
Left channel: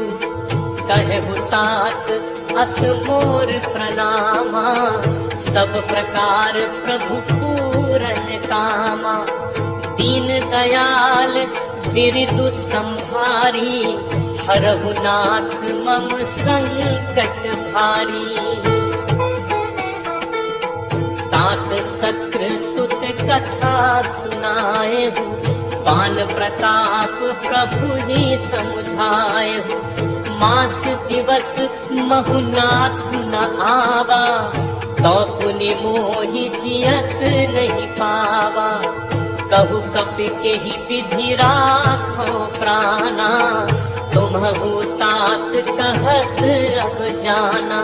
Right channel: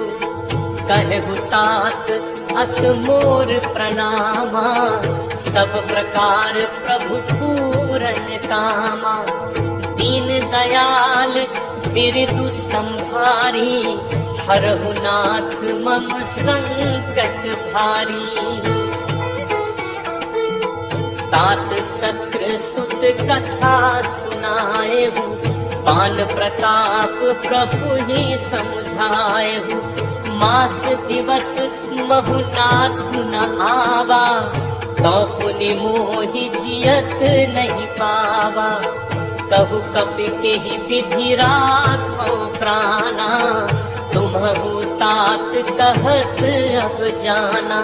कहु तात अस मोर प्रणामा, सब प्रकार प्रभु पूरन कामा। दीन दयाल बिरदु संहारी, हरहु नाथ मम संकट भारी। तात सत्र सुत कथा सुनाएहु, पान प्रताप प्रभु ही समझाएहु। मास दिवस महु नाथ न आवा, तो पुनि मोहि जियत नहीं पावा। कहु कपि केहि विधि राखो प्राणा, तुम्हु तात कहत अब जाना।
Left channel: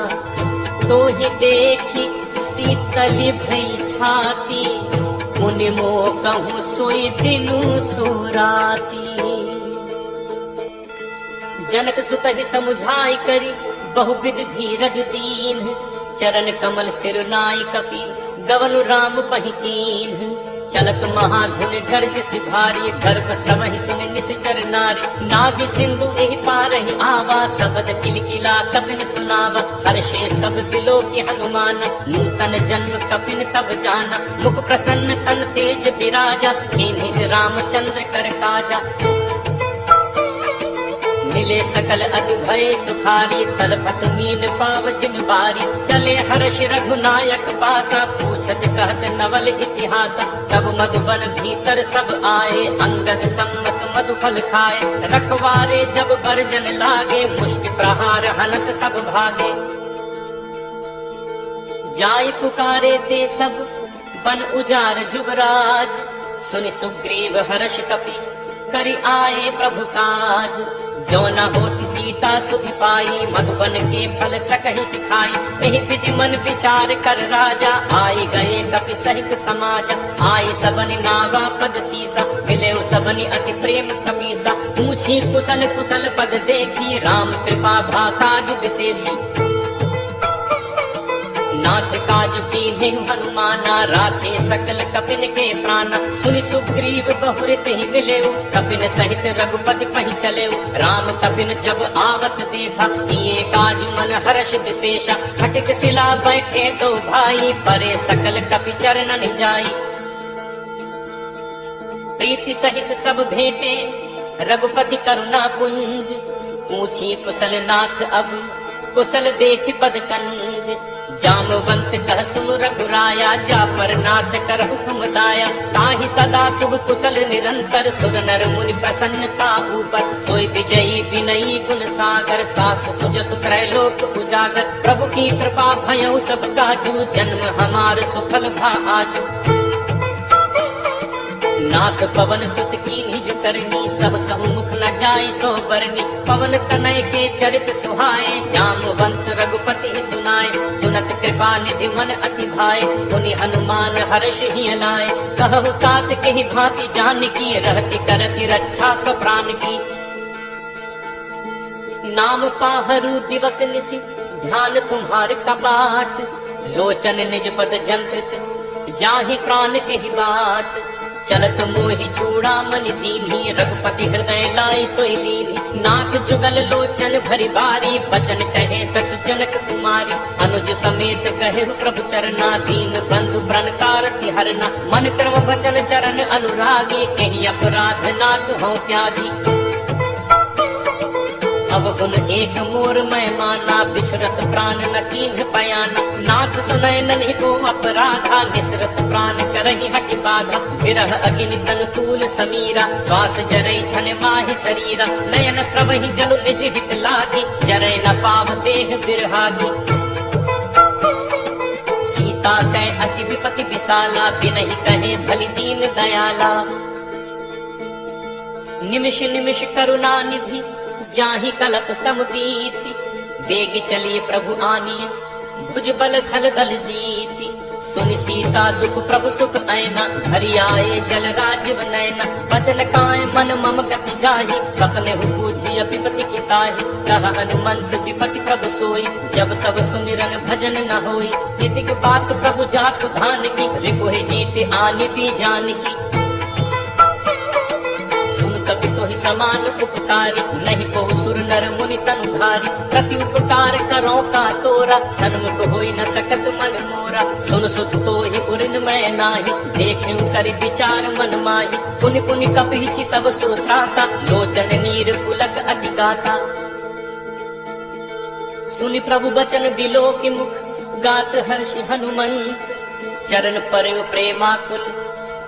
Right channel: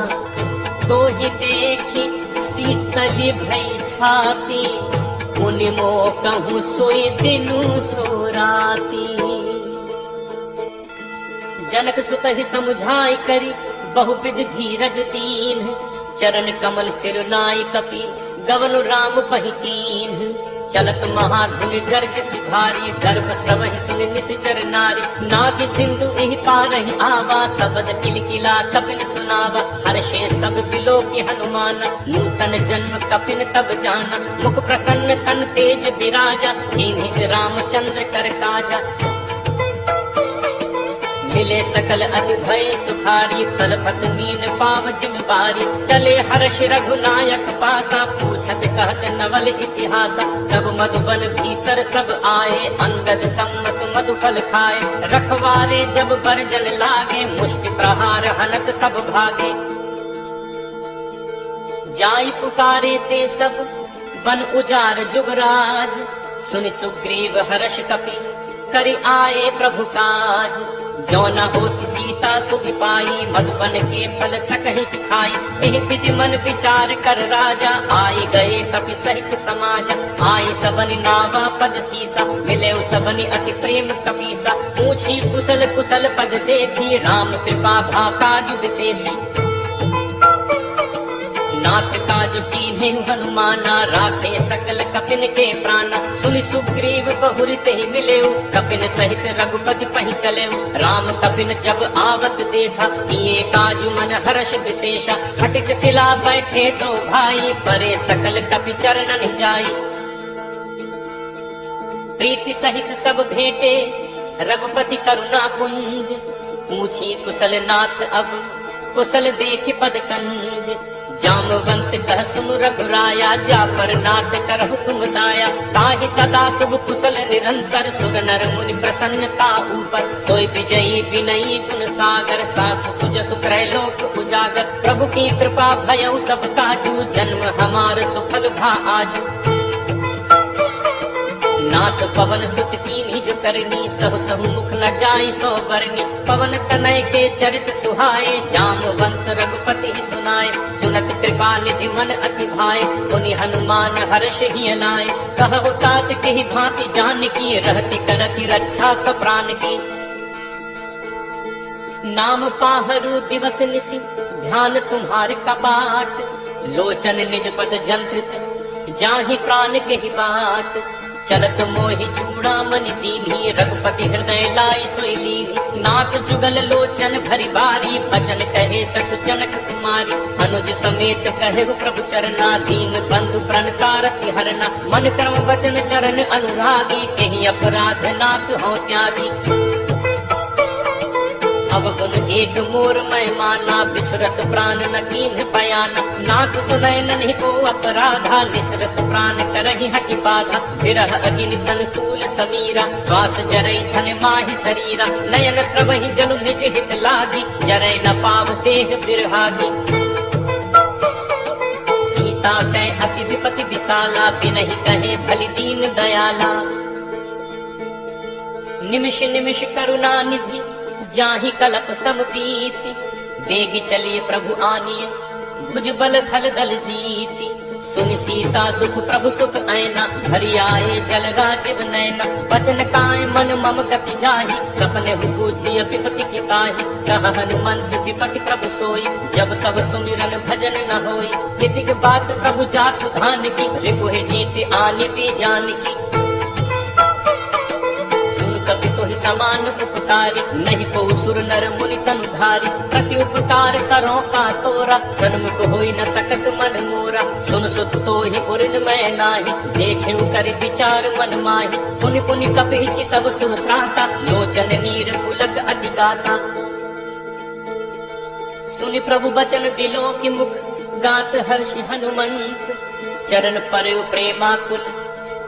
तोहि देखि शीतल भई छाती, मुनि मोह कहु सोई दिनु सो राती। जनक सुत ही समुझाई करी, बहुविध धीरज दीन। चरण कमल सिर नाई कपि, गवनु राम पहिकीन। चलत महाधुन गर्ज सिधारी, गर्भ श्रवहि सुन निश्चर नारी। नाग सिंधु एहि पारहि आवा, सबद किलकिला कपिन सुनावा। हर्षे सब बिलोकि हनुमान, नूतन जन्म कपिन तब जाना। मुख प्रसन्न तन तेज विराजा, कीन्हि रामचंद्र कर काजा। मिले सकल अति भय सुखारी, तलपत मीन पाव जिन बारी। चले हर्ष रघुनायक पासा, पूछत कहत नवल इतिहासा। तब मधुबन भीतर सब आए, अंगद सम्मत मधुफल खाए। रखवारे जब बरजन लागे, मुष्टि प्रहार हनत सब भागे। जाई पुकारे ते सब बन उजार जुबराज, सुनि सुग्रीव हर्ष कपि करि आए प्रभु काज। जो न होती सीता सुखी पाई, मधुबन के फल सकहि खाई। एहि विधि मन विचार कर राजा, आई गए कपि सहित समाजा। आई सबनि नावा पद सीसा, मिले सबनि अति प्रेम कपीसा। पूछी कुशल कुशल पद देखी, राम कृपा भा काज विशेषी। नाथ काज कीन्हि हनुमाना, राखे सकल कपिन के प्राणा। सुनि सुग्रीव बहुर तेहि मिलेउ, कपिन सहित रघुपति पहि चलेउ। राम कपिन जब आवत देखा, किए काज मन हर्ष विशेषा। खटिक शिला बैठे दो भाई, परे सकल कपि चरणन जाई। प्रीति सहित सब भेटे, रघुपति करुणा पुंज। पूछी कुशल नाथ अब, कुशल देख पद कंज। जामवंत कह सुन रघुराया, जा पर नाथ करहु तुम दाया। ताहि सदा सब कुशल निरंतर, सुन नर मुनि प्रसन्नता ऊपर। सोई विजयी विनयी गुण सागर, कास सुज सुक्रय लोक उजागर। प्रभु की कृपा भयउ सब काजू, जन्म हमार सुफल भा आजू। नाथ पवन सुत कीन्हि जो करनी, सब सहु मुख न जाई सो बरनी। पवन तनय के चरित सुहाए, जामवंत रघुपति सुनाए। सुनत कृपा निधि मन अति भाए, मुनि हनुमान हर्ष ही अनाए। कहु तात केहि भांति जानकी, रहति करति रक्षा स्व प्राण की। नाम पाहरु दिवस निशि, ध्यान तुम्हार कपाट। लोचन निज पद जंत्रित, जाहि प्राण केहि बाट। चलत मोहि चूड़ामणि दीन्हि, रघुपति हृदय लाई सोई लीन्हि। नाथ जुगल लोचन भरि बारी, बचन कहे कछु जनक कुमारी। अनुज समेत कहेउ प्रभु चरना, दीन बंधु प्रण कारति हरना। मन क्रम वचन चरण अनुरागी, केहि अपराध नाथ हो त्यागी। अवगुण एक मोर मैं माना, बिछुरत प्राण न कीन्ह पयाना। नाथ सुनय नन्हि को अपराधा, निसरत प्राण करहि हठि बाधा। विरह अग्नि तन तूल समीरा, श्वास जरई छन माहि शरीरा। नयन स्रवहि जनु निज हित लागी, जरय न पाव देह बिरहागी। सीता कै अति विपति विशाला, बिनहि कहे भलि दीन दयाला। निमिष निमिष करुणा निधि, जाहि कलप समदीति। बेग चलिए प्रभु आनिए, भुज बल खल दल जीति। सुन सीता दुख प्रभु सुख ऐना, हरि आए जल राजीव नैना। बचन काय मन मम गति जाहि, सपने हु पूछी अपिपति की ताहि। कहा हनुमंत विपति प्रभु सोई, जब तब सुमिरन भजन न होई। कितिक बात प्रभु जातु धान की, रिपुहि जीत आने भी जान की। सुन कपि तुहि समान उपकारी, नहीं को सुर नर मुनि तनुधारी। प्रति उपकार करो का तोरा, सन्मुख होई न सकत मन मोरा। सुन सुत तोहि पुरिन मैं नाही, देखे कर विचार मन माही। पुनि पुनि कपि चितव सुर त्राता, लोचन नीर पुलक अति गाता। सुनि प्रभु बचन बिलो की मुख, गात हर्षि हनुमंत। चरण पर प्रेमाकुल,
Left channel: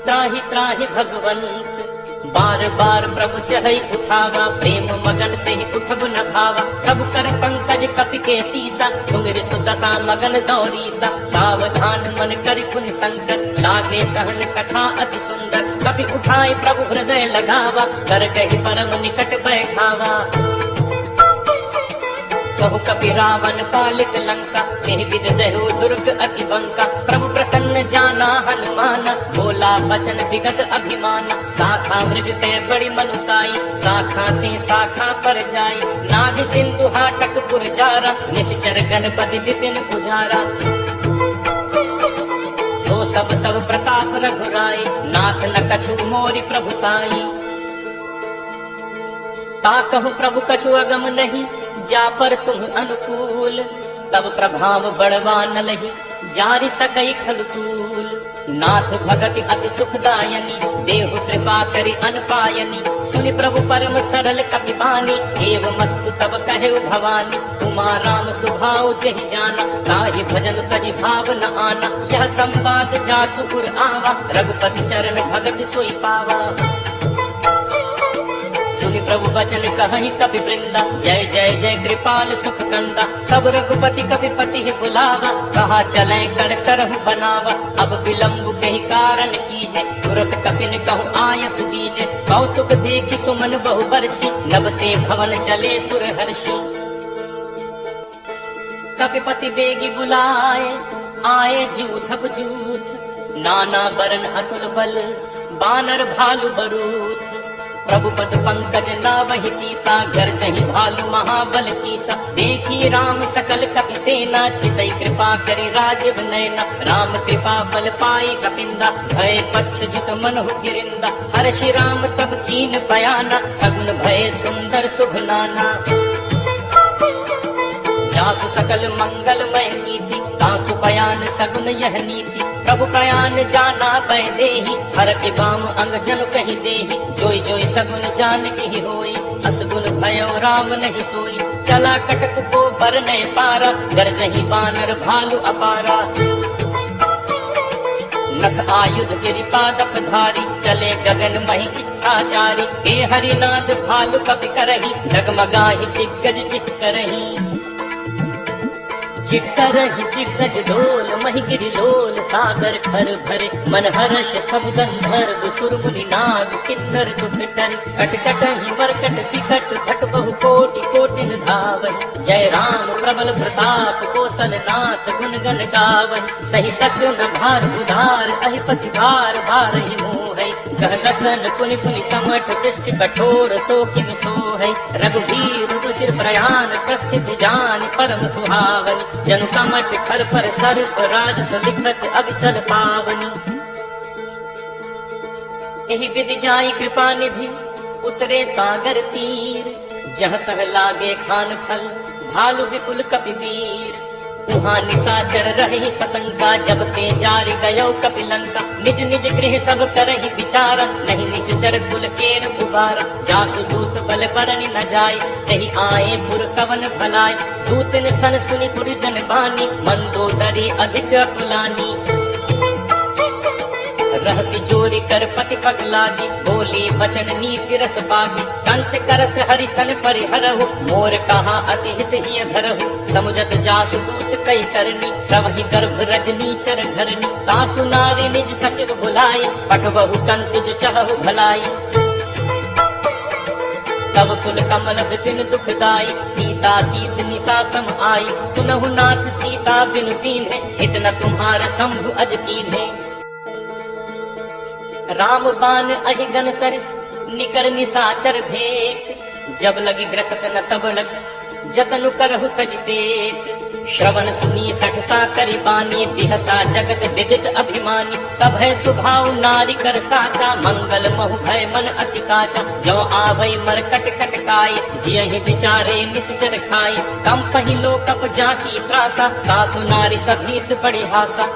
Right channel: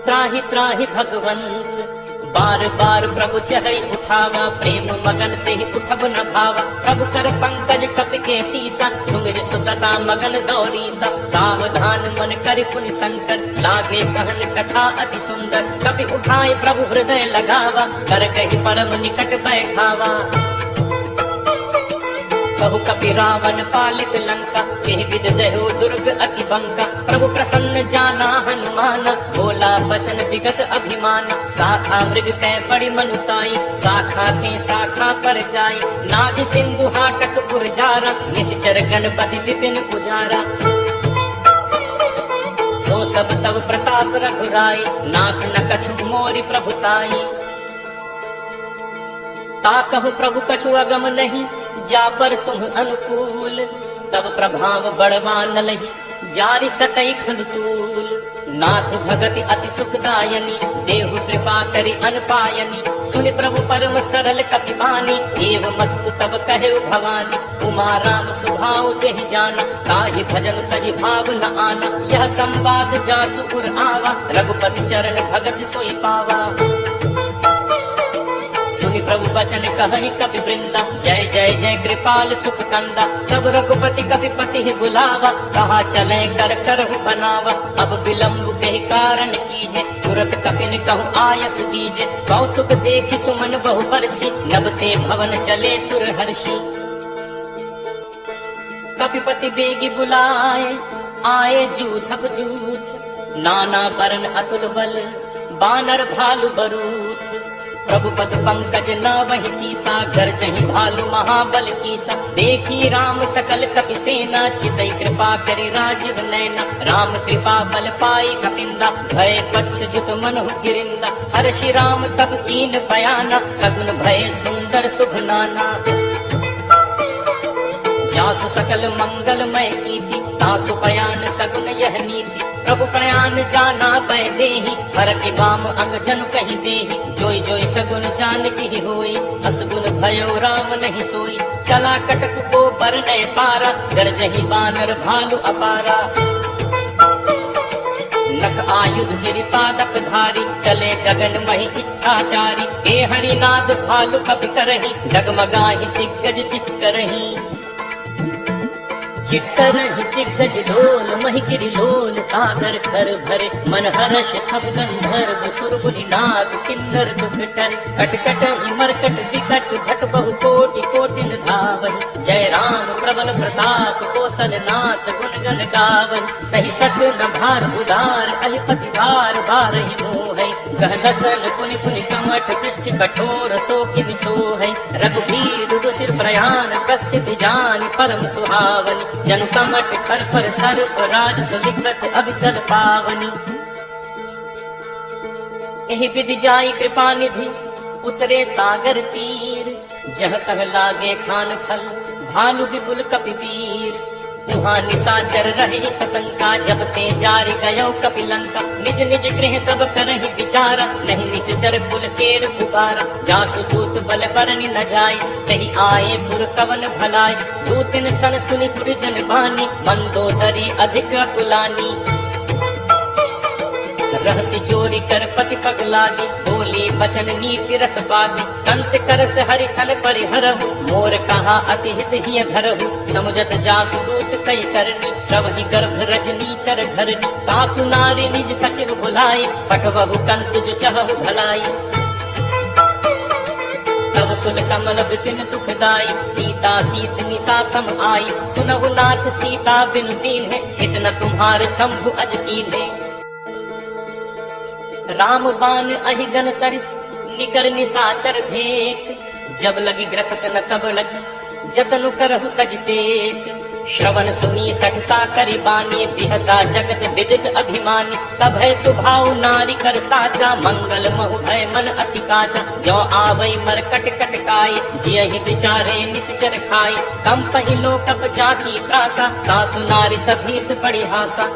त्राहि त्राहि भगवंत। बार बार प्रभु चहै उठावा, प्रेम मगन तेहि उठब न भावा। प्रभु कर पंकज कपि के सीसा, सुमिर सुदशा मगन दौरीसा। सावधान मन करि पुनि संकर, लागे कहन कथा अति सुंदर। कपि उठाए प्रभु हृदय लगावा, कर कहि परम निकट बैठावा। कहु कपि रावण पालित लंका, केहि विद दहो दुर्ग अति बंका। प्रभु प्रसन्न जाना हनुमाना, बोला बचन विगत अभिमान। शाखा मृग कै बड़ी मनुसाई, शाखा थी शाखा पर जाई। नाग सिंधु हाटक पुर जारा, निश्चर गणपति विपिन उजारा। सो सब तब प्रताप रघुराई, नाथ न कछु मोरि प्रभुताई। ता कहु प्रभु कछु अगम नहीं, जा पर तुम अनुकूल। तब प्रभाव बढ़वा न लही, जारि सकई खलतूल। नाथ भगति अति सुखदायनी, देहु कृपा करि अनपायनी। सुनि प्रभु परम सरल कपि बानी, एव मस्तु तब कहे भवानी। उमा राम सुभाव जहि जाना, ताहि भजन तजि भाव न आना। यह संवाद जासु उर आवा, रघुपति चरण भगत सोई पावा। प्रभु वचन कहहि कपि वृंदा, जय जय जय कृपाल सुख कंदा। तब रघुपति कपि पति बुलावा, कहा चले कर करहु बनावा। अब विलम्ब के कारण कीजे, तुरत कपिन कहु आयस दीजे। कौतुक देखि सुमन बहु बरसी, नबते भवन चले सुर हर्षि। कपिपति बेगी बुलाए, आए जूथक जूथ। नाना बरन अतुल बल, बानर भालु बरूथ। प्रभु पद पंकज नावहि सीसा, गर्जहि भालु महाबल कीसा। देखी राम सकल कपि सेना, चितई कृपा करे राजीव नैना। राम कृपा बल पाई कपिंदा, भय पक्ष जुत मनहु गिरिंदा। हर्षि राम तब कीन पयाना, सगुन भय सुंदर सुख नाना। जासु सकल मंगलमय कीर्ति, तासु बयान सगुन यह नीति। प्रभु प्रयाण जाना पै देहि, हर के बाम अंग जनु कहि देहि। जोई जोई सगुन जान की होई, असगुन भयो राम नहीं सोई। चला कटक को बरनय पारा, गरजहि बानर भालु अपारा। नख आयुध गिरिपादप धारी, चले गगन महि इच्छाचारी। ए हरिनाद भालु कपि करहि, डगमगाहि दिग्गज चित करहि। चित्तरहि दिग्गज डोल, महि गिरि लोल सागर खर भरे। मन हर्ष सब गंधर्व, सुर मुनि नाग किन्नर दुख डरे। कटकटहि मरकट विकट, भट बहु कोटि कोटिन धावै। जय राम प्रबल प्रताप, कौशल नाथ गुण गण गावै। सही सत्य न भार उदार, अधिपति भार भारहि मोहै। कह दसन पुनि पुनि कमठ, दृष्टि कठोर सो किन सोहै। रघुबीर रुचिर प्रयाण, प्रस्थिति जानि परम सुहावनि। जनु कमठ कर पर सर्प, राजस लिखत अभिचल पावनी। एहि विधि जाई कृपा निधि, उतरे सागर तीर। जह तह लागे खान फल, भालु विपुल कपि वीर। वहाँ निशाचर रही सशंका, जब ते जारि गयो कपि लंका। निज निज गृह सब करहि विचारा, नहीं निश्चर कुल केर उबारा। जासु दूत बल बरनि न जाय, तहि आए पुर कवन भलाय। दूतन सन सुनि पुर जन बानी, मंदोदरी अधिक अकुलानी। रहसि जोरी कर पति पग लागे, बोली बचन नीति रस पागे। कंत करस हरि सन परिहरहु, मोर कहा अति हित हिय धरहु। समुझत जासु दूत कई करनी, श्रवहि गर्भ रजनी चर धरनी। तासु नारी निज सचिव बुलाई, पठवहु कंत जो चहु भलाई। तब व्याकुल कमल बिपिन दुखदाई, सीता सीत निशा सम आई, सुनहु नाथ सीता बिनु दीन है, इतना तुम्हार शंभु अज कीन है। राम बान अहि गन सरिस निकर निशाचर भेंट, जब लगी ग्रसत न तब लगी जतनु करहु तज पेट। श्रवण सुनी सठता करि बानी, बिहसा जगत विदित अभिमानी, सब है स्वभाव नारी कर साचा, मंगल महु भय मन अति काचा, जो आवै मर कट कटकाई, जियहि विचारे निश्चर खाई, कम पहिलो कप जाकी त्रासा, तासु नारी सभीत पड़ी हासा।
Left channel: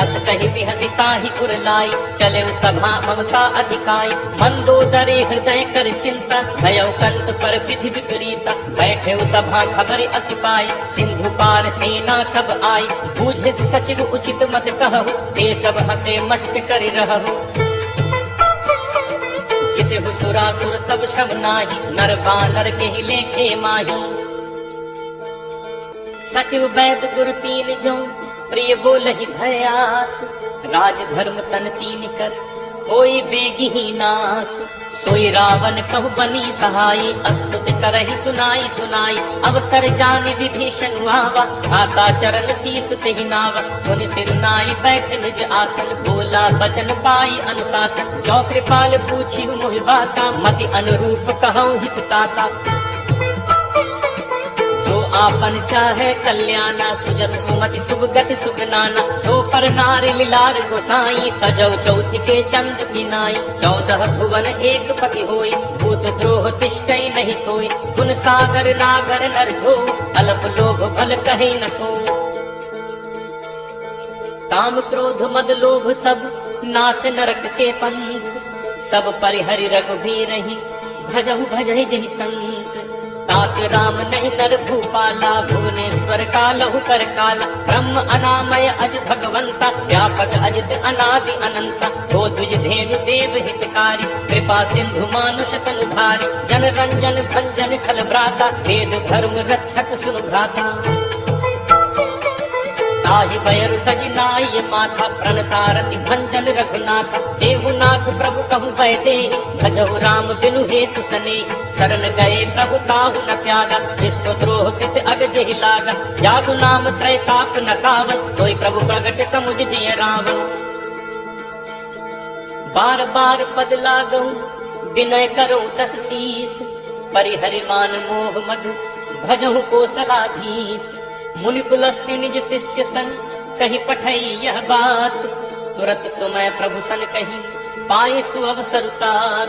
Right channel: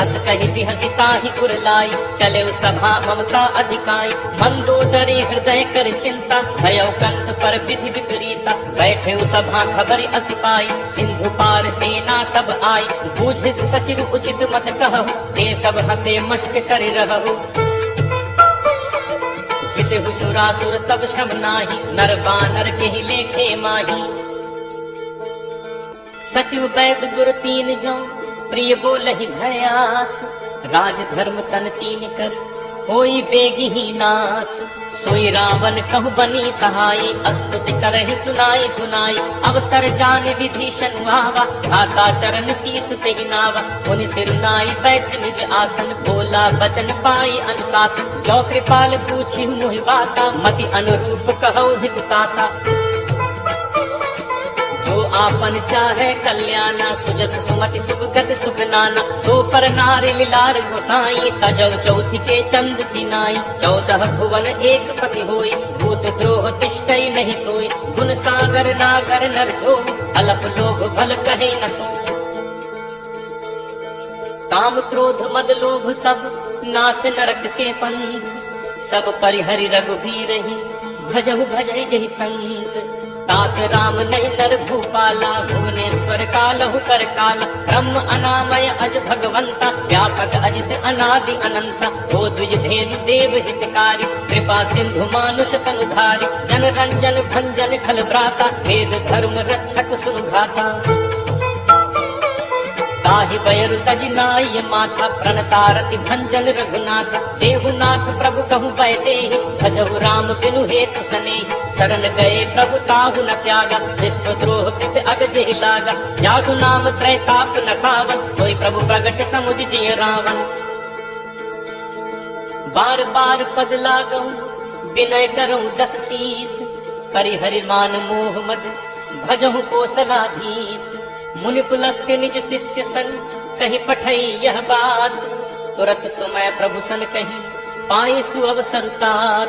अस कहि बिहसिता ही पुरलाई, चले सभा ममता अधिकाई, मंदोदरी हृदय कर चिंता, भयउ कंत पर विधि विपरीता, बैठे सभा खबर अस पाई, सिंधु पार सेना सब आई, बूझे सचिव उचित मत कहु, ते सब हसे मष्ट कर रहु। जितहु सुरासुर तब शब नाही, नर बानर केहि लेखे माही, सचिव वैद गुर तीन जो, प्रिय बोलहि भयास, राज धर्म तन तीन कर होई बेगी ही नास। सोई रावण कहु बनी सहाई, अस्तुति करहि सुनाई सुनाई, अवसर जान विभीषण आवा, घाता चरण शीस तेहि नावा, मुनि सिर नाई बैठ निज आसन, बोला बचन पाई अनुशासन, जो कृपाल पूछी मोहि बाता, मति अनुरूप कहु हित ताता। आपन चाहे कल्याणा, सुजस सुमति सुख गति सुख नाना, सो पर नारी लीलार गोसाई, तजौ चौथ के चंद की नाई, 14 भुवन एक पति होई, भूत द्रोह तिष्ठई नहीं सोई, गुण सागर नागर नर जो, अलप लोभ भल कही न को। काम क्रोध मद लोभ सब नाथ नरक के पंथ, सब परिहरि रघुवीर ही, भजहु भजहि जहि संत। तात राम नहीं नर भूपाला, भुवनेश्वर कालहु कर काला, ब्रह्म अनामय अज भगवंता, व्यापक अजित अनादि अनंता, हो तुझ धेनु देव हितकारी, कृपा सिंधु मानुष तनुधारी, जन रंजन भंजन खल भ्राता, वेद धर्म रक्षक सुन भ्राता। ताहि बैर तजनाई माथा, प्रणतारति भंजन रघुनाथ, देहुनाथ प्रभु कहु भय देहि, भजहु राम बिनु हेतु सनेहि, शरण गए प्रभु ताहु न त्यागा, विष्णु द्रोह तित अग जेहि लागा, जासु नाम त्रैताप न सावन, सोई प्रभु प्रगट समुझ जिय रावण। बार बार पद लागऊ विनय करऊं 10 शीस, परिहरि मान मोह मद भजहु कोसलाधीश। मुनि पुलस्त्य निज शिष्य सन कहि पठई यह बात, तुरत सुमय प्रभु सन कहि पाई सुअवसर तात।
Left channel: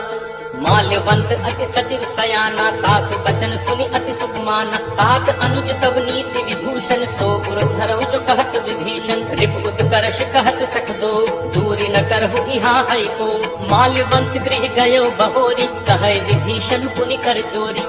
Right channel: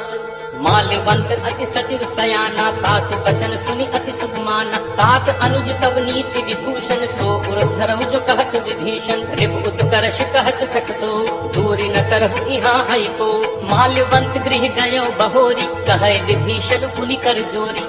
माल्यवंत अति सचिव सयाना, तासु बचन सुनि अति सुख माना, तात अनुज तब नीति विभूषण, सो गुरु धरऊ जो कहत विभीषण, रिपुत करश कहत सख दो, दूरी न करहु इहाँ है को। माल्यवंत गृह गयो बहोरी, कहे विभीषण पुनि कर जोरी।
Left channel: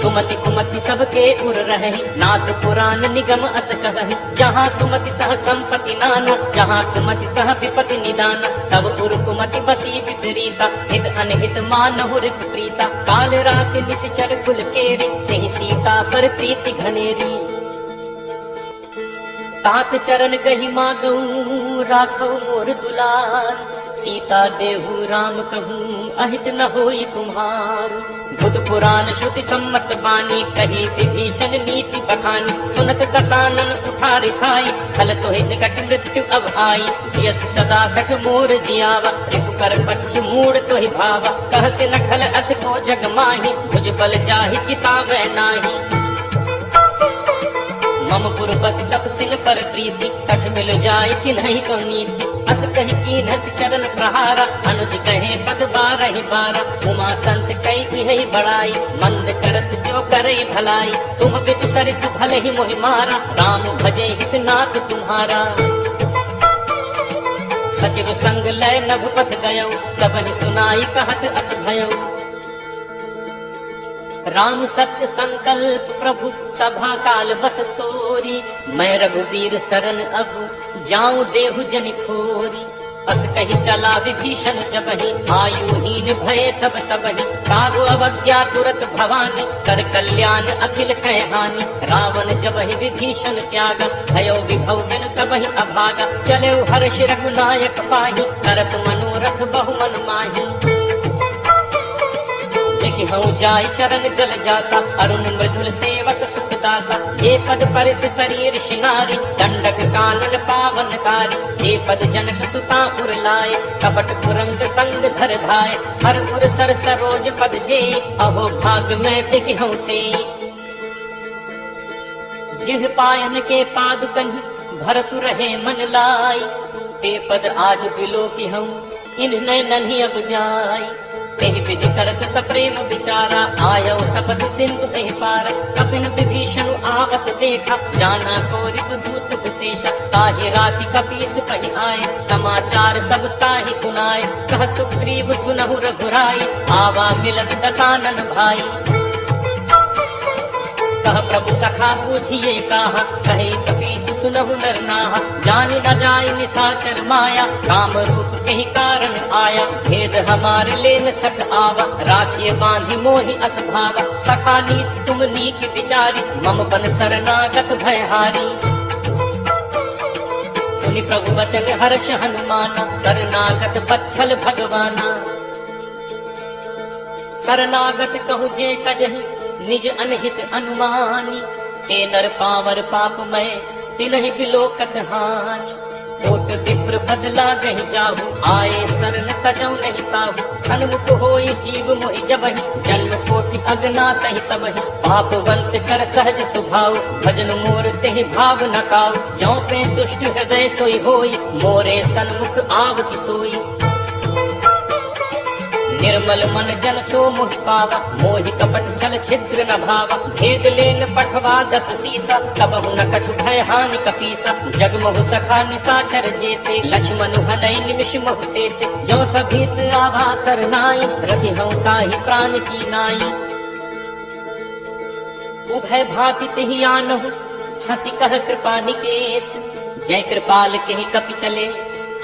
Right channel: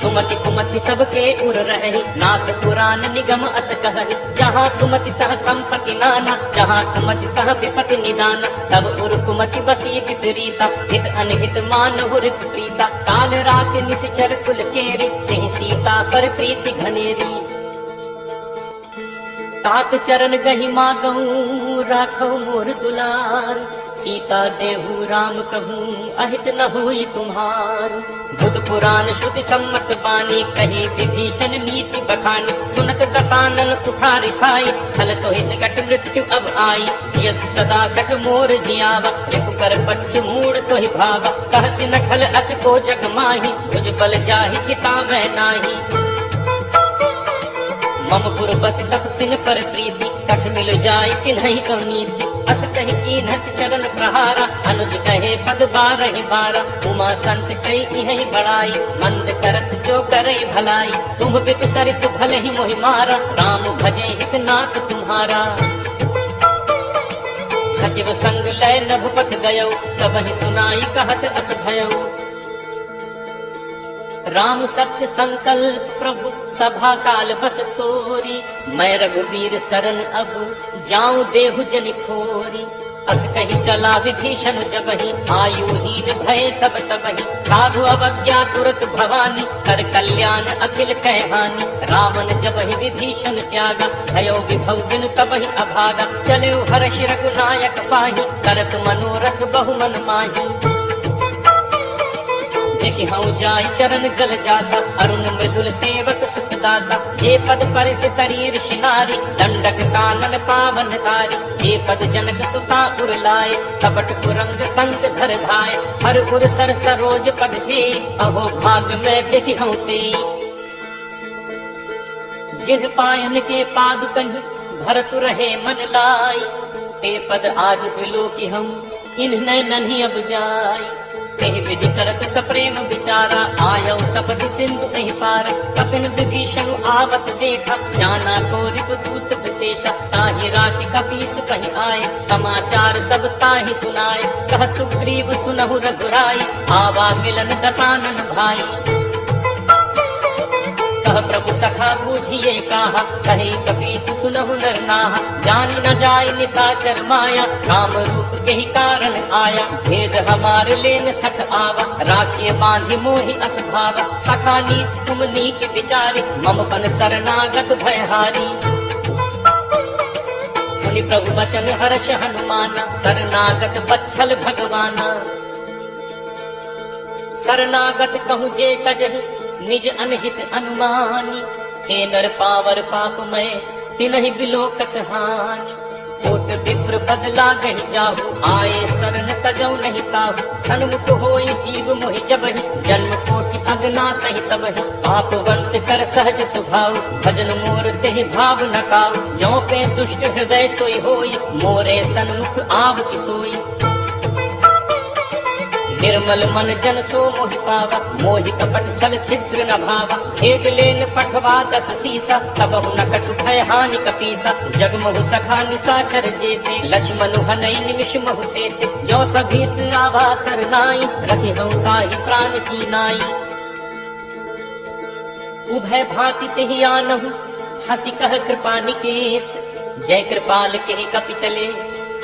सुमति कुमति सबके उर रहे, नाथ पुराण निगम अस कहहि, जहाँ सुमति तह संपत्ति नाना, जहाँ कुमति तह विपति निदाना, तब उर कुमति बसी विपरीता, हित अनहित मानहु रिपु प्रीता, काल रात निश्चर कुल केरी, तेहि सीता पर प्रीति घनेरी। तात चरण गहि मागऊ राखऊ मोर दुलार, सीता देहु राम कहूँ अहित न होई तुम्हार। बुध पुराण श्रुति सम्मत बानी, कही विभीषण नीति बखानी, सुनत दसानन उठा रिसाई, खल तो हित घट मृत्यु अब आई। यस सदा सठ मोर जियावा, रिपु कर पक्ष मूड़ तो ही भावा, कहस न खल अस को जग माही, तुझ बल जाहि चितावै नाही। मम पुर बस तब सिन पर प्रीति, सठ मिल जाय तिन्हि अवनीति, अस कहि कीनस चरण प्रहारा, अनुज कहे पद बारहि बारा। उमा संत कई यही बड़ाई, मंद करत जो करई भलाई, तुम भी तो सरिस भल ही मोहि मारा, राम भजे हित नाथ तुम्हारा। सचिव संग लय नभपति गयो, सबहि सुनाई कहत अस भयो। राम सत्य संकल्प प्रभु सभा काल बस तोरी, मैं रघुवीर शरण अब जाऊं देहु जनि खोरी। अस कही चला विभीषण जबहि, आयुहीन भय सब तबहि, साधु अवज्ञा तुरत भवानी, कर कल्याण अखिल कह हानि। रावण जबहि विभीषण त्यागा, भयो विभव बिनु तबहि अभागा, चले हर्ष रघुनायक पाहि, करत मनोरथ बहु मन माही। देख हूँ जाय चरण जल जाता, अरुण मृदुल सेवक सुखदाता। ये पद पर से तरी ऋषि नारी, दंडक कानन पावनकारी। ये पद जनक सुता उर लाए, कपट कुरंग संग धर धाय। हर उर सर सरोज पद जे, अहो भाग में देखी हूँ ते। जिन पायन के पाद कहीं, भरत रहे मन लाई। ते पद आज बिलो की हम, इन्हें नहीं अब जाय। कही विधि करत सप्रेम विचारा, आयो सपदि सिंधु कहीं पारा। कपिन विभीषण आवत देखा, जाना को रिपुदूत विशेषा। ताहि राखी कपीस कहीं आए, समाचार सब ताहि सुनाए। कह सुग्रीव सुनहु रघुराई, आवा मिलन दसानन भाई। कह प्रभु सखा पूछिए कहा, कहीं कपीस सुनहु नर नाहा। जान न जाय निशाचर माया, काम रूप कहीं कारण आया। भेद हमारे लेन सच आवा, राखिए बांधि मोहि अस भावा। सखा नीत तुम नीक विचारी, मम बन शरणागत भयहारी। सुनि प्रभु वचन हर्ष हनुमाना, शरणागत बच्छल भगवाना। शरणागत कहूँ जे कजहि, निज अनहित अनुमानी। ते नर पावर पाप में, तिनहि बिलोकत हानि। कोट विप्र बदला गहि जाहु, आए शरण तजौ नहीं ताहु। सन्मुख होई जीव मोहि जबहि, जन्म कोटि अगना सहि तबहि। पापवंत कर सहज सुभाव, भजन मोर तेहि भाव न काऊ। ज्यों पे दुष्ट हृदय सोई होई, मोरे सन्मुख आव की सोई। निर्मल मन जन सो मोहि पावा, मोहि कपट छल छिद्र न भावा। भेद लेन पठवा दस सीसा, तब न कछु भय हानि कपीसा। जगमहु सखा निशाचर जेते, लक्ष्मण हनई निमिष महु तेते। जो सभीत आवा सरनाई, रखि हूँ ताहि प्राण की नाई। उभय भांति तिहि आनहु, हंसी कह कृपा निकेत। जय कृपाल के कपि चले,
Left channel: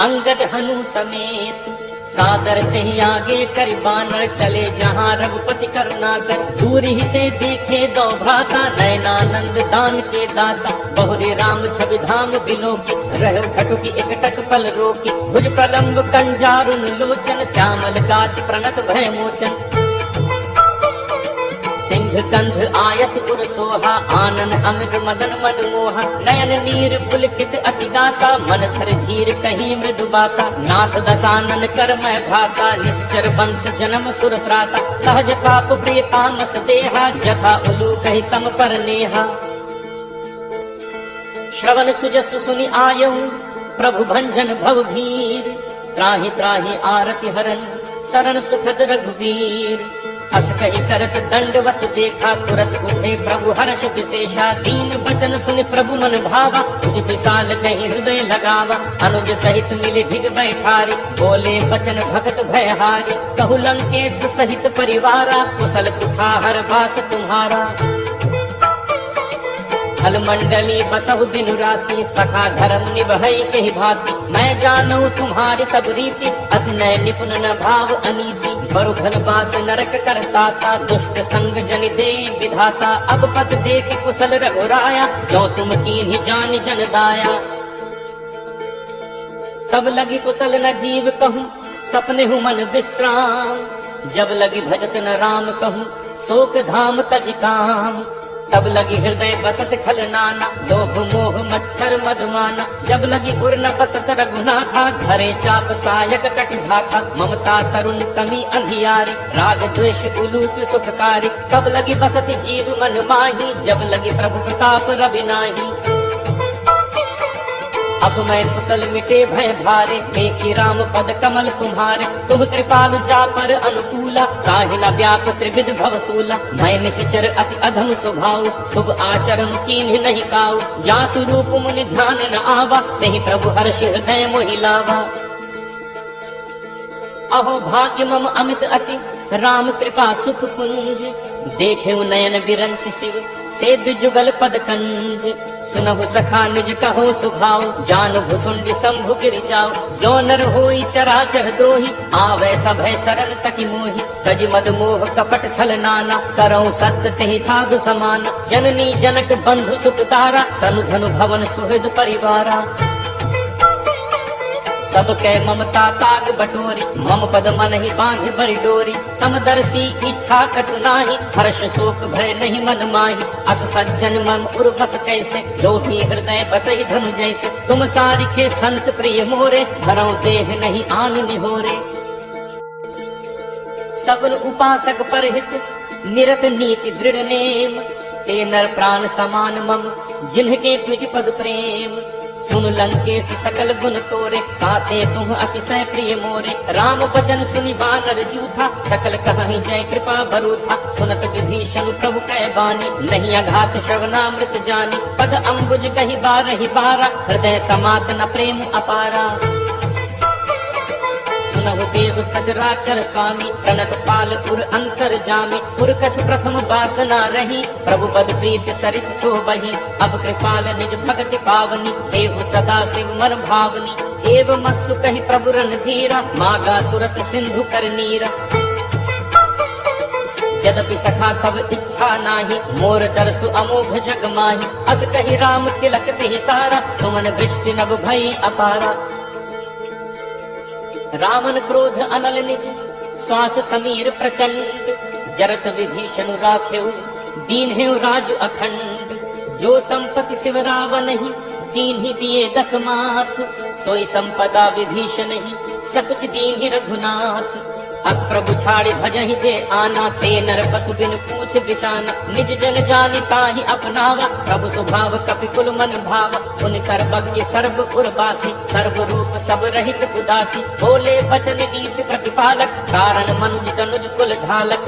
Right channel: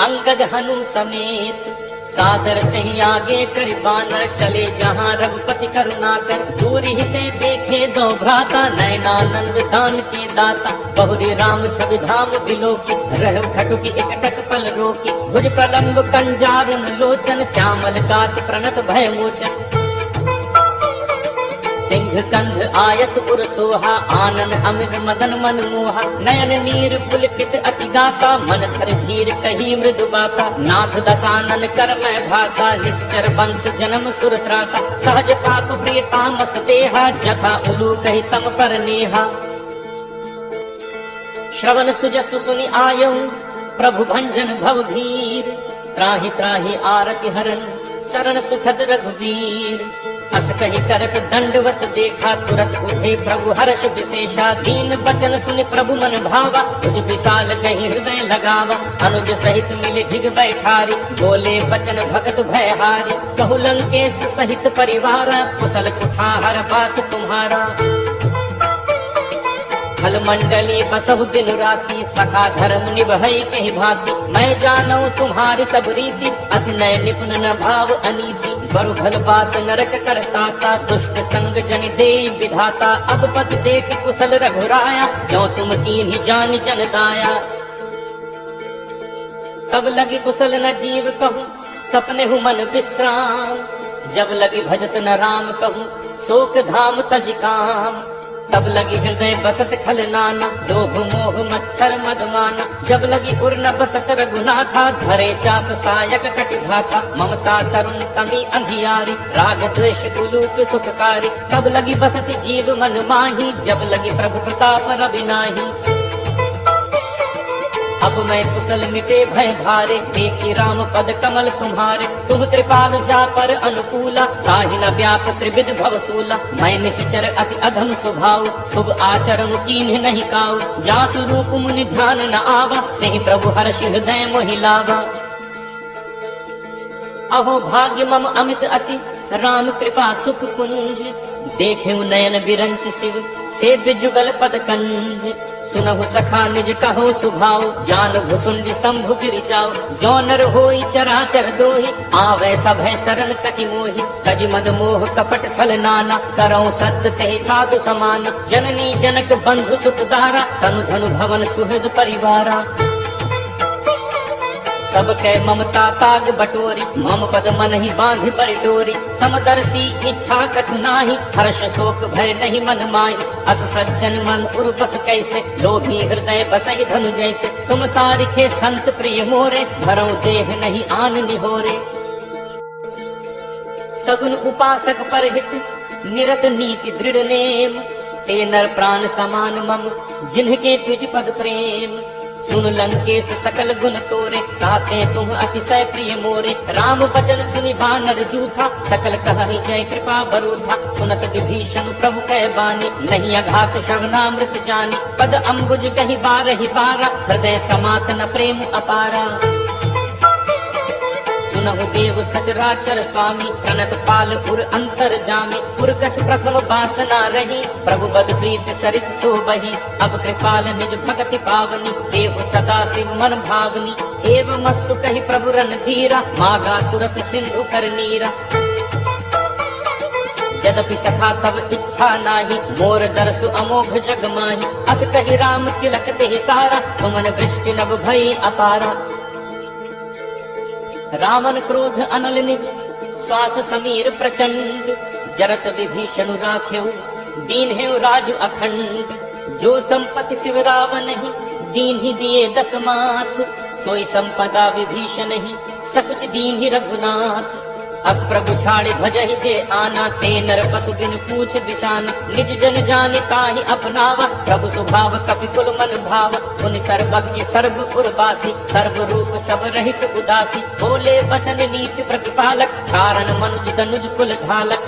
अंगद हनु समेत। सादर कहीं आगे कर बानर, चले जहाँ रघुपति करुणाकर। दूर ही ते देखे दो भ्राता, नयनानंद दान के दाता। बहुरी राम छवि धाम बिलोकी, रह खटुकी एकटक पल रोकी। भुज प्रलंब कंजारुन लोचन, श्यामल गात प्रणत भय मोचन। सिंह कंध आयत पुर सोहा, आनन अमित मदन मन मोहा। नयन नीर पुलकित अति गाता, मन धर धीर कही मृदु बाता। नाथ दसानन कर मैं भाता, निश्चर वंश जन्म सुर त्राता। सहज पाप प्रीतामस देहा, जथा उलू कही तम पर नेहा। श्रवण सुजस सुनि आयऊ, प्रभु भंजन भव भीर। त्राहि त्राहि आरति हरन, शरण सुखद रघुवीर। हस कही करत दंडवत देखा, तुरत उठे प्रभु हर्ष विशेषा। दीन बचन सुन प्रभु मन भावा, तुझ विशाल कहीं हृदय लगावा। अनुज सहित मिले भिग बैठारी, बोले बचन भगत भयहारी। कहु लंकेश सहित परिवारा, कुशल कुठार बास तुम्हारा। खल मंडली बसहु दिन राती, सखा धर्म निभई कही भांति। मैं जानऊ तुम्हारी सब रीति, अति नय निपुण न भाव अनीति। बरु धन बास नरक करताता, दुष्ट संग जन दे विधाता। अब पद देख कुशल रघुराया, जो तुम कीन्ही जान जन दाया। तब लगी कुशल न जीव कहूँ, सपने हूँ मन विश्राम। जब लगी भजत न राम कहूँ, शोक धाम तज काम। तब लगी हृदय बसत खल नाना, लोभ मोह मच्छर मदमाना। जब लगी उर न बसत रघुनाथा, धरे चाप सायक कटि भाथा। ममता तरुण तमी अंधियारी, राग द्वेष उलूट सुखकारी। तब लगी बसत जीव मन माही, जब लगी प्रभु प्रताप रवि नाही। अब मैं कुशल मिटे भय भारे, देखी राम पद कमल तुम्हारे। तुम कृपालु जा पर अनुकूला, ताहि न व्याप त्रिविध भवसूला। मैं निश्चर अति अधम स्वभाव, शुभ आचरण कीन्ह नहीं काऊ। जासु रूप मुनि ध्यान न आवा, नहीं प्रभु हर्ष हृदय मोहि लावा। अहो भाग्य मम अमित अति, राम कृपा सुख कुंज। देखे नयन बिरंच शिव, सेव्य जुगल पद कंज। सुनहु सखा निज कहो सुभाव, जान भुसुंड शंभु गिरि जाओ। जो नर होई चराचर दोहि, आवे सभय सरल तकी मोहि। तज मद मोह कपट छल नाना, करऊं सत्य तेहि साधु समाना। जननी जनक बंधु सुत तारा, तनु धनु भवन सुहृद परिवारा। सबके ममता ताग बटोरी, मम पद मन ही बांध बरि डोरी। समदर्शी इच्छा कछु नाही, हर्ष शोक भय नहीं मन माही। अस सज्जन मन उर बस कैसे, लोभी हृदय बसहि धनु जैसे। तुम सारिखे संत प्रिय मोरे, भरौ देह नहीं आन निहोरे। सगुन उपासक परहित, निरत नीति दृढ़ नेम। ते नर प्राण समान मम, जिन्हके तुझ पद प्रेम। सुन लंकेश सकल गुण तोरे, ताते तुम अतिशय प्रिय मोरे। राम वचन सुनि बानर जूठा, सकल कहहि जय कृपा बरूथा। सुनत विभीषण प्रभु कै बानी, नहीं अघात श्रवणामृत जानी। पद अम्बुज कहि बारहि बारा, हृदय समात न प्रेम अपारा। सुनहु देव सचराचर स्वामी, प्रणत पाल उर अंतर जामी। उर कछ प्रथम बासना रही, प्रभु पद प्रीत सरित सोबही। अब कृपाल निज भगति पावनी, देहु सदा शिव मन भावनी। एव मस्तु कहि प्रभु रणधीरा, मागा तुरत सिंधु कर नीरा। यद्यपि सखा तब इच्छा नाही, मोर दर्शु अमोघ जग माही। अस कहि राम तिलक ते सारा, सुमन वृष्टि नभ भई अपारा। रावण क्रोध अनल निज, श्वास समीर प्रचंड। जरत विभीषण राखेउ, दीन्हेउ राजु अखंड। जो संपत्ति शिव रावण ही, दीन्हि दिए दस माथ। सोई संपदा विभीषण ही, सकुच दीन्हि रघुनाथ। अस प्रभु छाड़े भजहि जे आना, ते नर पशु बिन पूछ दिशान। निज जन जाने ताहि अपनावा, प्रभु स्वभाव कपि कुल मन भावा। उन सर्वज्ञ सर्व उर्वासी, सर्व रूप सब रहित उदासी। बोले वचन नीति प्रतिपालक, कारण मनुज तनुज कुल ढालक।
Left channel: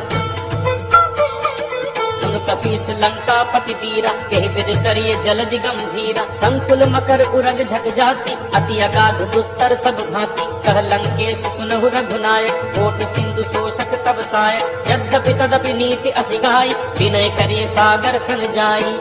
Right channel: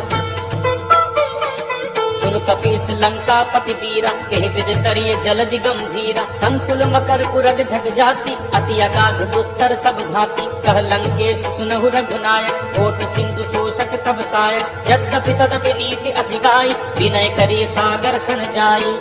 सुन कपीस लंका पति वीरा, कहि विद तरिय जलधि गंभीरा। संकुल मकर उरग झग जाति, अति अगाध दुस्तर सब भाति। कह लंकेश सुनहु रघुनायक, कोट सिंधु शोषक तब सायक। यद्यपि तदपि नीति असि गाय, विनय करे सागर सन जाई।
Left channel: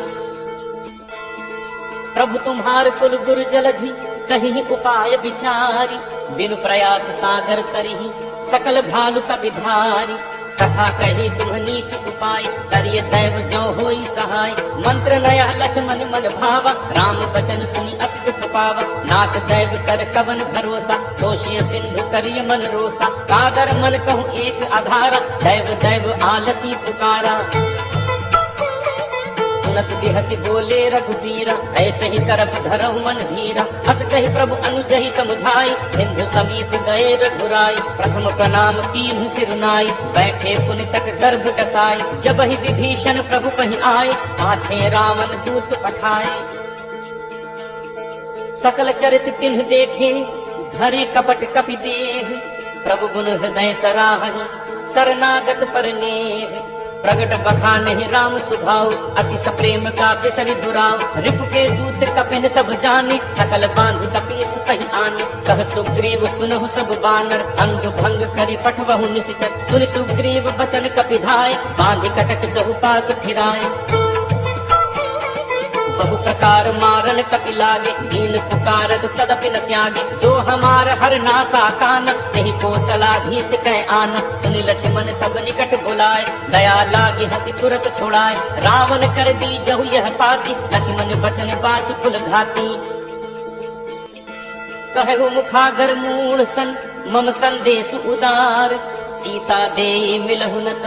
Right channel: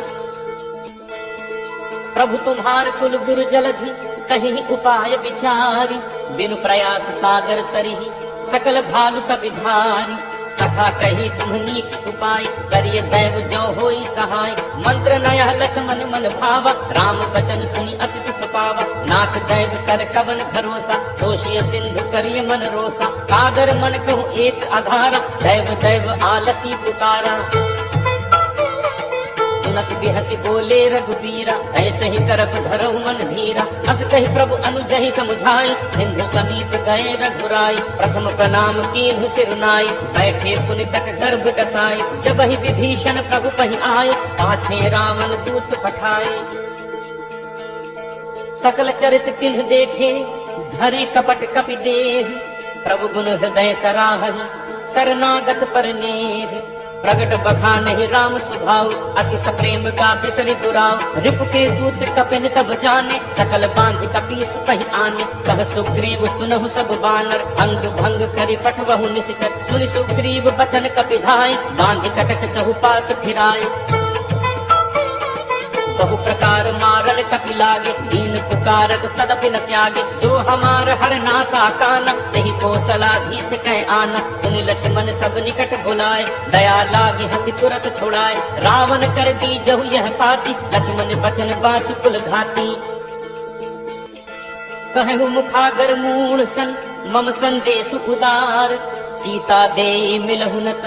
प्रभु तुम्हार कुल गुरु जलधि, कहीं उपाय विचारी। बिनु प्रयास सागर तरिहि, सकल भालु कपि भारी। सखा कही तुम नीति उपाय, करिय दैव जो होई सहाय। मंत्र नया लक्ष्मण मन भावा, राम वचन सुनि अति दुख पावा। नाथ दैव कर कवन भरोसा, सोशिय सिंधु करिय मन रोसा। कादर मन कहूँ एक आधारा, दैव दैव आलसी पुकारा। सुनत के हंसी बोले रघुवीरा, ऐसे ही करत धरहु मन धीरा। अस कहि प्रभु अनुजहि समुझाई, सिंधु समीप गए रघुराई। प्रथम प्रणाम कीन्हु सिरुनाई, बैठे पुनि तक गर्भ डसाई। जब ही विभीषण प्रभु पहि आए, पाछे रावण दूत पठाए। सकल चरित किन्ह देखे, धरे कपट कपि देह। प्रभु गुण हृदय सराहहि, शरणागत पर नेह। प्रगट बखानहि राम सुभाव, अति सप्रेम का बिसरि दुराव। रिपु के दूत कपिन तब जाने, सकल बांध कपीस कहि आने। कह सुग्रीव सुनहु सब बानर, अंग भंग करि पठवहु निश्चर। सुनि सुग्रीव बचन कपि धाय, बांधि कटक चहुपास फिराय। बहु प्रकार मारल कपि लागे, दीन पुकारत तदपि न त्यागे। जो हमार हर नासा काना, नहीं कौशलाधीश कह आना। सुनि लक्ष्मण सब निकट बुलाए, दया लागे हंसी तुरत छुड़ाए। रावण कर दी जहु यह पाती, लक्ष्मण बचन बाचु कुल घाती। कहु मुखागर मूढ़ सन, मम संदेश उदार। सीता देई मिलहु नत,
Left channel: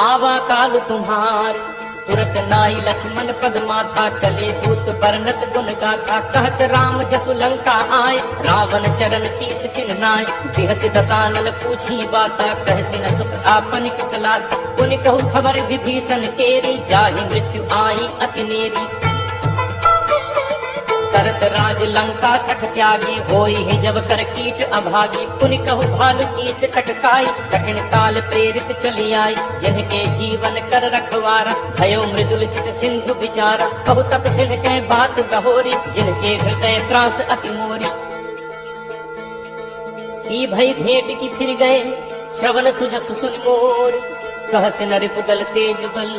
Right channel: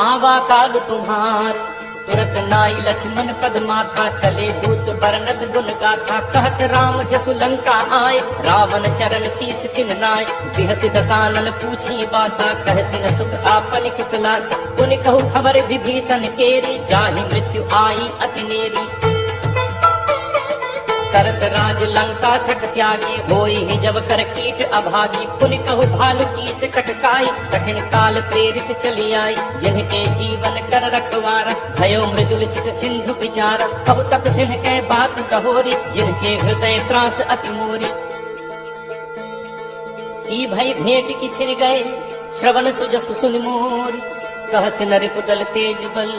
आवा काल तुम्हार। तुरत नाई लक्ष्मण पद माथा, चले दूत बरनत गुण गाथा। कहत राम जसु लंका आए, रावण चरण शीस तिन नाय। बिहसि दसानन पूछी बाता, कहसि न सुख आपन कुशलाता। पुनि कहु खबर विभीषण केरी, जाहि मृत्यु आई अति नेरी। करत राज लंका सख त्यागी, होई ही जब कर कीट अभागी। पुनि कहु भालु कीस कटकाई, कठिन काल प्रेरित चली आई। जिनके जीवन कर रखवारा, भयो मृदु विचित सिंधु विचारा। कहु तप सिंह के बात कहोरी, जिनके हृदय त्रास अति मोरी। की भई भेंट की फिर गए, श्रवण सुजसु सुनि मोर। कहस नरिपु दल तेज बल,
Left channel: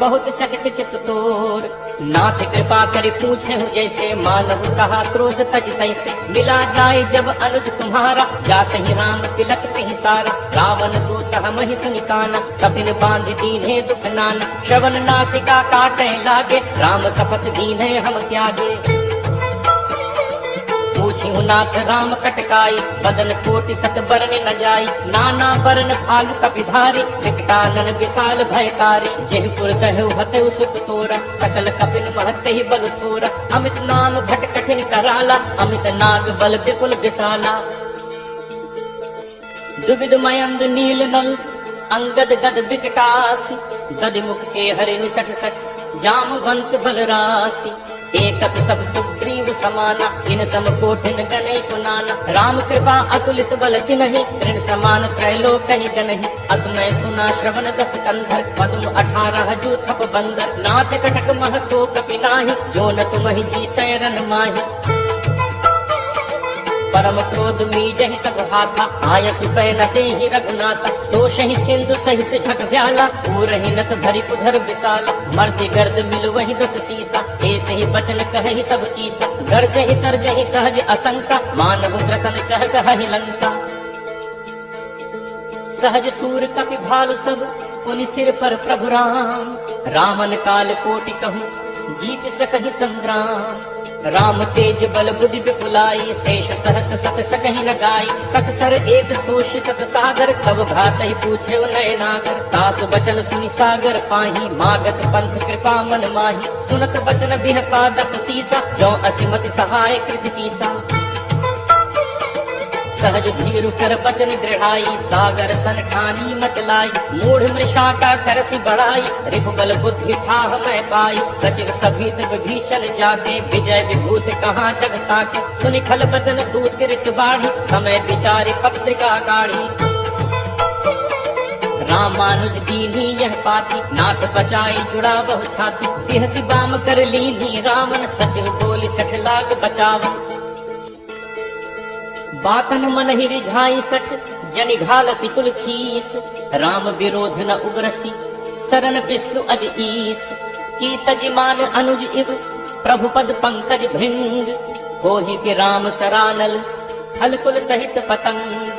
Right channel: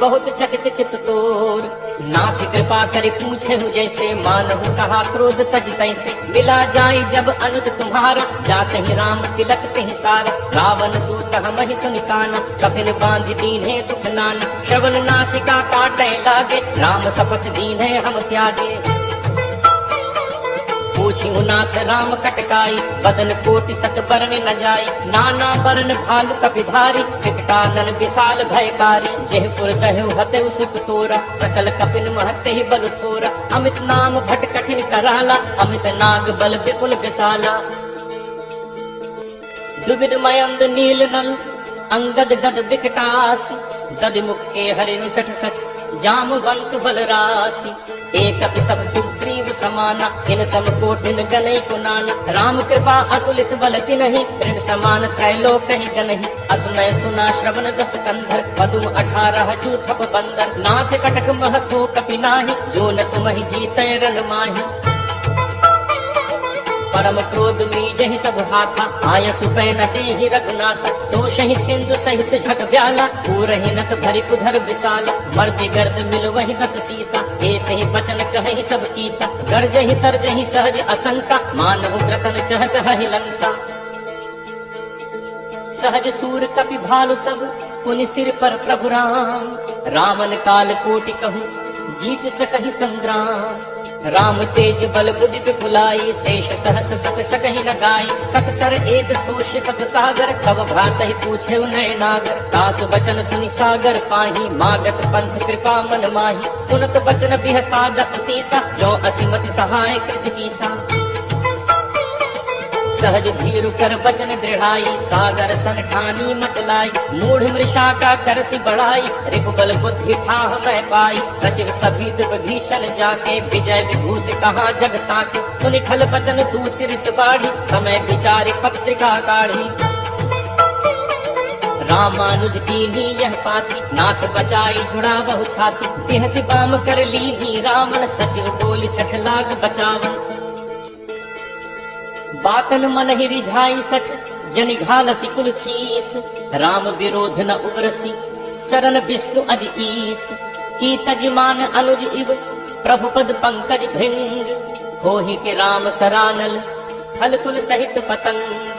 बहुत चकित चित तोर। नाथ कृपा करि पूछे हूँ जैसे, मानहु कहा क्रोध तज तैसे। मिला जाए जब अनुज तुम्हारा, जात ही राम तिलक कहि सारा। रावण दूत हमहि सुनि काना, कपिन बांध दीन्हे दुख नाना। श्रवण नासिका काटे लागे, राम शपथ दीन्हे हम त्यागे। पूछिहु नाथ राम कटकाई, बदन कोटि सत बरन न जाई, नाना बरन भाग कपिधारी, विकटानन विशाल भयकारी, जेह पुर कहु हते सुख तोरा, सकल कपिन महते ही बल थोरा, अमित नाम भट कठिन कराला, अमित नाग बल विपुल विशाला। द्रुविद मयंद नील नंग अंगद गद विकटासी, दद मुख के हरि निसठ सठ, जामवंत बलरासी, एक अति सब सुग्रीव समाना, इन सम कोटिन गनई कुनाना, राम कृपा अतुलित बल तिनहि, ऋण समान त्रैलोक कहि गनहि, असमय सुना श्रवण रस कंधर, पदुम 18 जूथप बंदर, नाथ कटक मह सो कपि नाहि, जो न तुमहि जीतै रण माहि। परम क्रोध मीजहि सब हाथा, आयसु पैनते ही रघुनाथ, सोषहि सिंधु सहित झक व्याला, पूरहि नत भरि कुधर विशाला, मर्दि गर्द मिल वही 10 सीसा, ऐसे ही बचन कहहि सब कीसा, गर्जहि तरजहि सहज असंका, मानव ग्रसन चह कहहि लंका। सहज सूर कपि भालु सब, पुनि सिर पर प्रभु राम, रावण काल कोटि कहूँ जीत सकहि संग्राम, राम तेज बल बुद्धि विपुलाई, शेष सहस सत सकहि न गाई, सत सर एक सोष सत सागर, तब भ्रातहि पूछे नय नागर, तासु बचन सुनि सागर पाही, मागत पंथ कृपा मन माही, सुनत बचन बिहसा 10 सीसा, जो असिमति सहाय कृत कीसा। सहज धीरु कर बचन दृढ़ाई, सागर सन ठानी मचलाई, मूढ़ मृषा का करसि बढ़ाई, रिपुबल बुद्धि ठाह मैं पाई, सचिव सभीत विभीषण जाके, विजय विभूत कहाँ जग ताके, सुनि खल बचन दूत रिस बाढ़ी, समय विचारि पत्रिका काढ़ी। रामानुज दीनी यह पाती, नाथ बचाई जुड़ा बहु छाती, बिहसि बाम कर लीनी रावण, सचिव बोली 60 लाख बचावन। बातन मन ही रिझाई 60, जनि घालसी कुल खीस, राम विरोध न उग्रसी, सरन विष्णु अज ईस, की तजिमान अनुज इव, प्रभु पद पंकज भृंग, होहि के राम सरानल, खल कुल सहित पतंग,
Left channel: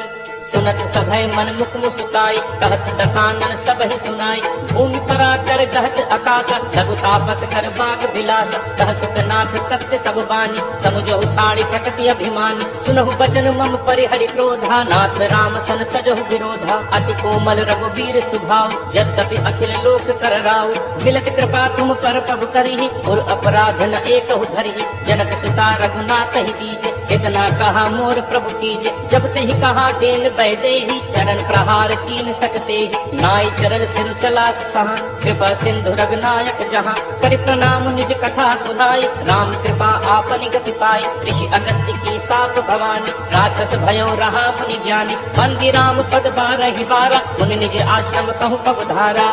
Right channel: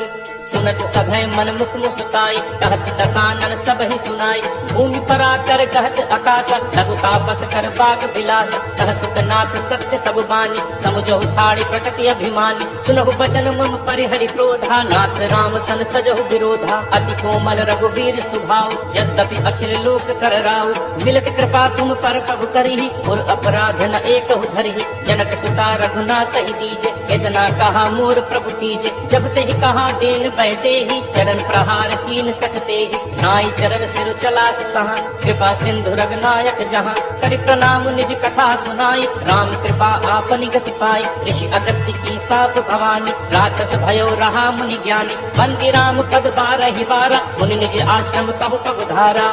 सुनत सभय मन मुख मुस्काई, कहत दसानन सब ही सुनाई, भूमि तरा कर कहत आकाशा, लघु तापस कर बाग बिलासा, कह सुतनाथ सत्य सब बानी, समुझो छाड़ी प्रकृति अभिमानी, सुनहु बचन मम परिहरि क्रोधा, नाथ राम सन तजहु विरोधा, अति कोमल रघुवीर सुभाव, यद्यपि अखिल लोक कर राउ, मिलत कृपा तुम पर प्रभु करिहि, पुर अपराध न एकहु धरिहि, जनक सुता रघुनाथ ही दीजे, इतना कहा मोर प्रभु कीजे, जब ते ही कहा देन बैठे ही, चरण प्रहार कीन सकते ही, नाई चरण सिर चला सहा, कृपा सिंधु रघुनायक जहाँ, करि प्रणाम निज कथा सुनाई, राम कृपा आपनि गति पाई, ऋषि अगस्त्य की साप भवानी, राक्षस भयो रहा मुनि ज्ञानी, बंदी राम पद 12 बारा, मुनि निज आश्रम कहु पग धारा।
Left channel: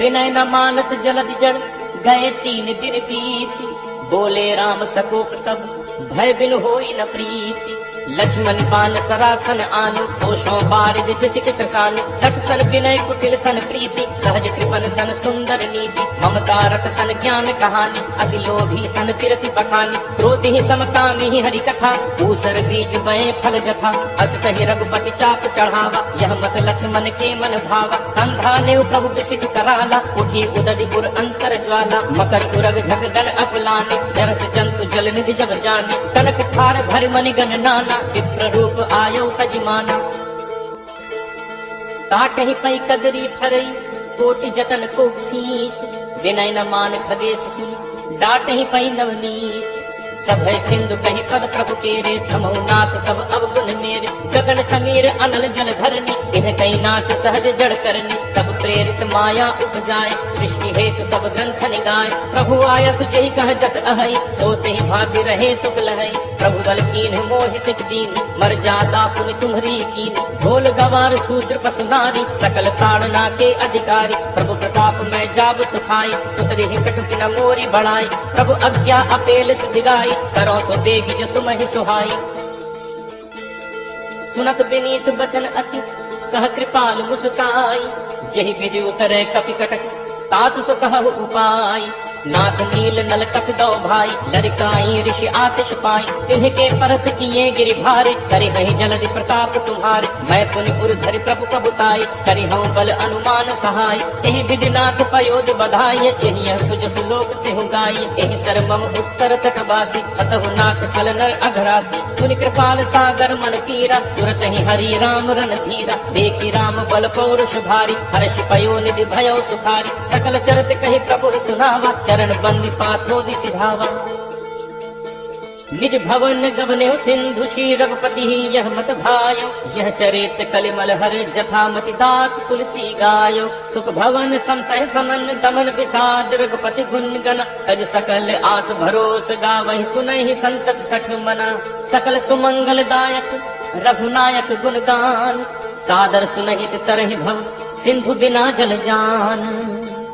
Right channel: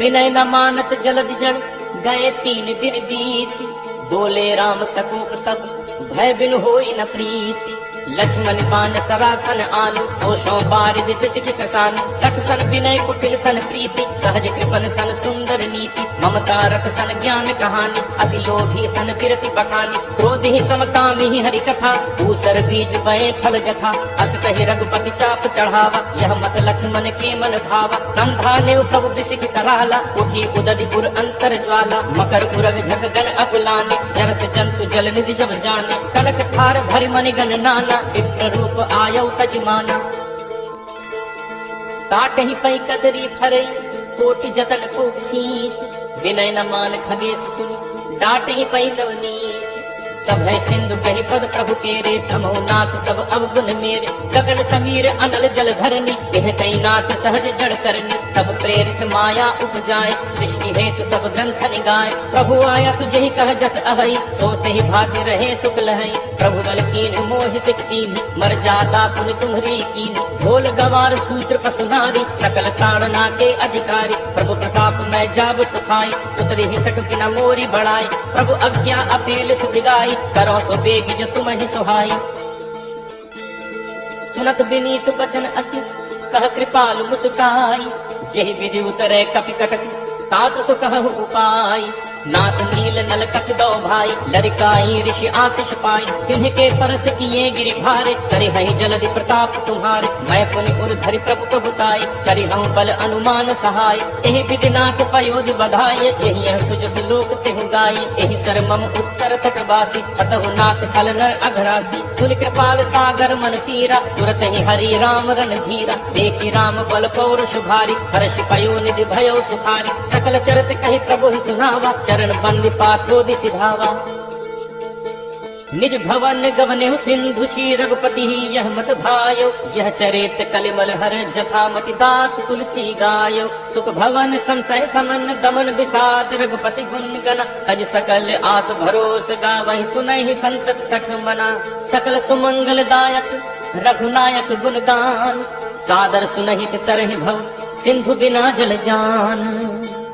विनय न मानत जलत जल, गए 3 दिन बीत, बोले राम सकोप तब, भय बिन होई न प्रीति, लक्ष्मण बान सरासन आनु, होशों बारिद बिसिक किसानु, 60 सन विनय कुटिल सन प्रीति, सहज कृपन सन सुंदर नीति, ममता रत सन ज्ञान कहानी, अति लोभी सन फिरति पठानी, क्रोधी समकामी हरि कथा, दूसर बीज बए फल जथा, अस कहि रघुपति चाप चढ़ावा, यह मत लक्ष्मण के मन भावा, संधा ने कब बिसिक कराला, उही उदधि उर अंतर ज्वाला, मकर उरग झक गन अकुलाने, जरत जंतु जल निधि जब जाने, कनक थार भर मनि गण नाना, विप्र रूप आयौ तजमाना, ताटहि पै कदरी फरई, कोटि जतन को सींच, विनय न मान खगेश सुन, डाटहि पै नवनीच, सभय सिंधु कहि पद प्रभु केरे, क्षमौ नाथ सब अवगुण मेरे, गगन समीर अनल जल धरनी, कहते नाथ सहज जड़ करनी, तब प्रेरित माया उपजाए, सृष्टि हेतु सब ग्रंथ निगाए, प्रभु आया सुजहि कह जस अहई, सोते ही भाग्य रहे सुख लहई, प्रभु बल कीन्ह मोहि सित दीन्ह, मर जाता पुनि तुम्हरी कीन्ह, ढोल गवार सूत्र पसुनारी, सकल ताड़ना के अधिकारी, प्रभु प्रताप मैं जाब सुखाई, उतरी ही कटुक न मोरी बढ़ाई, प्रभु आज्ञा अपेल सुधिगाई, करो सो बेग जो तुम ही सुहाई। सुनत विनीत बचन अति, कह कृपालु मुस्काई, जेहि विधि उतरे कपि कटक, तात सो कहु उपाय, नाथ नील नल कपि दो भाई, लरिकाई ऋषि आशीष पाई, तिन्ह परस किए गिरि भारे, करि हहि जलधि प्रताप तुम्हारे, मैं पुनि उर धरि प्रभु प्रभुताई, करि बल अनुमान सहाय, एहि विधि नाथ पयोध बधाई, जेहि सुजस लोक तेहु गाय। आई, एहि सर मम उत्तर तटवासी, अतहु नाथ छल नर अघरासी, पुनि कृपाल सागर मन तीरा, तुरत ही हरि राम रणधीरा, देखि राम बल पौरुष भारी, हर्ष पयो निधि भयउ सुखारी, सकल चरित कहि प्रभु सुनावा, चरण बंदी पाथो दिसि धावा। निज भवन गवन्यो सिंधु श्री रघुपति यह मत भायो, यह चरित कलिमल हर जथामति दास तुलसी गायो, सुख भवन संशय समन दमन विषाद रघुपति गुण गण, हज सकल आस भरोस गावहि सुनहि संतत सठ मना, सकल सुमंगल दायक रघुनायक गुण गान, सादर सुनहित तरहि भव सिंधु बिना जल जान।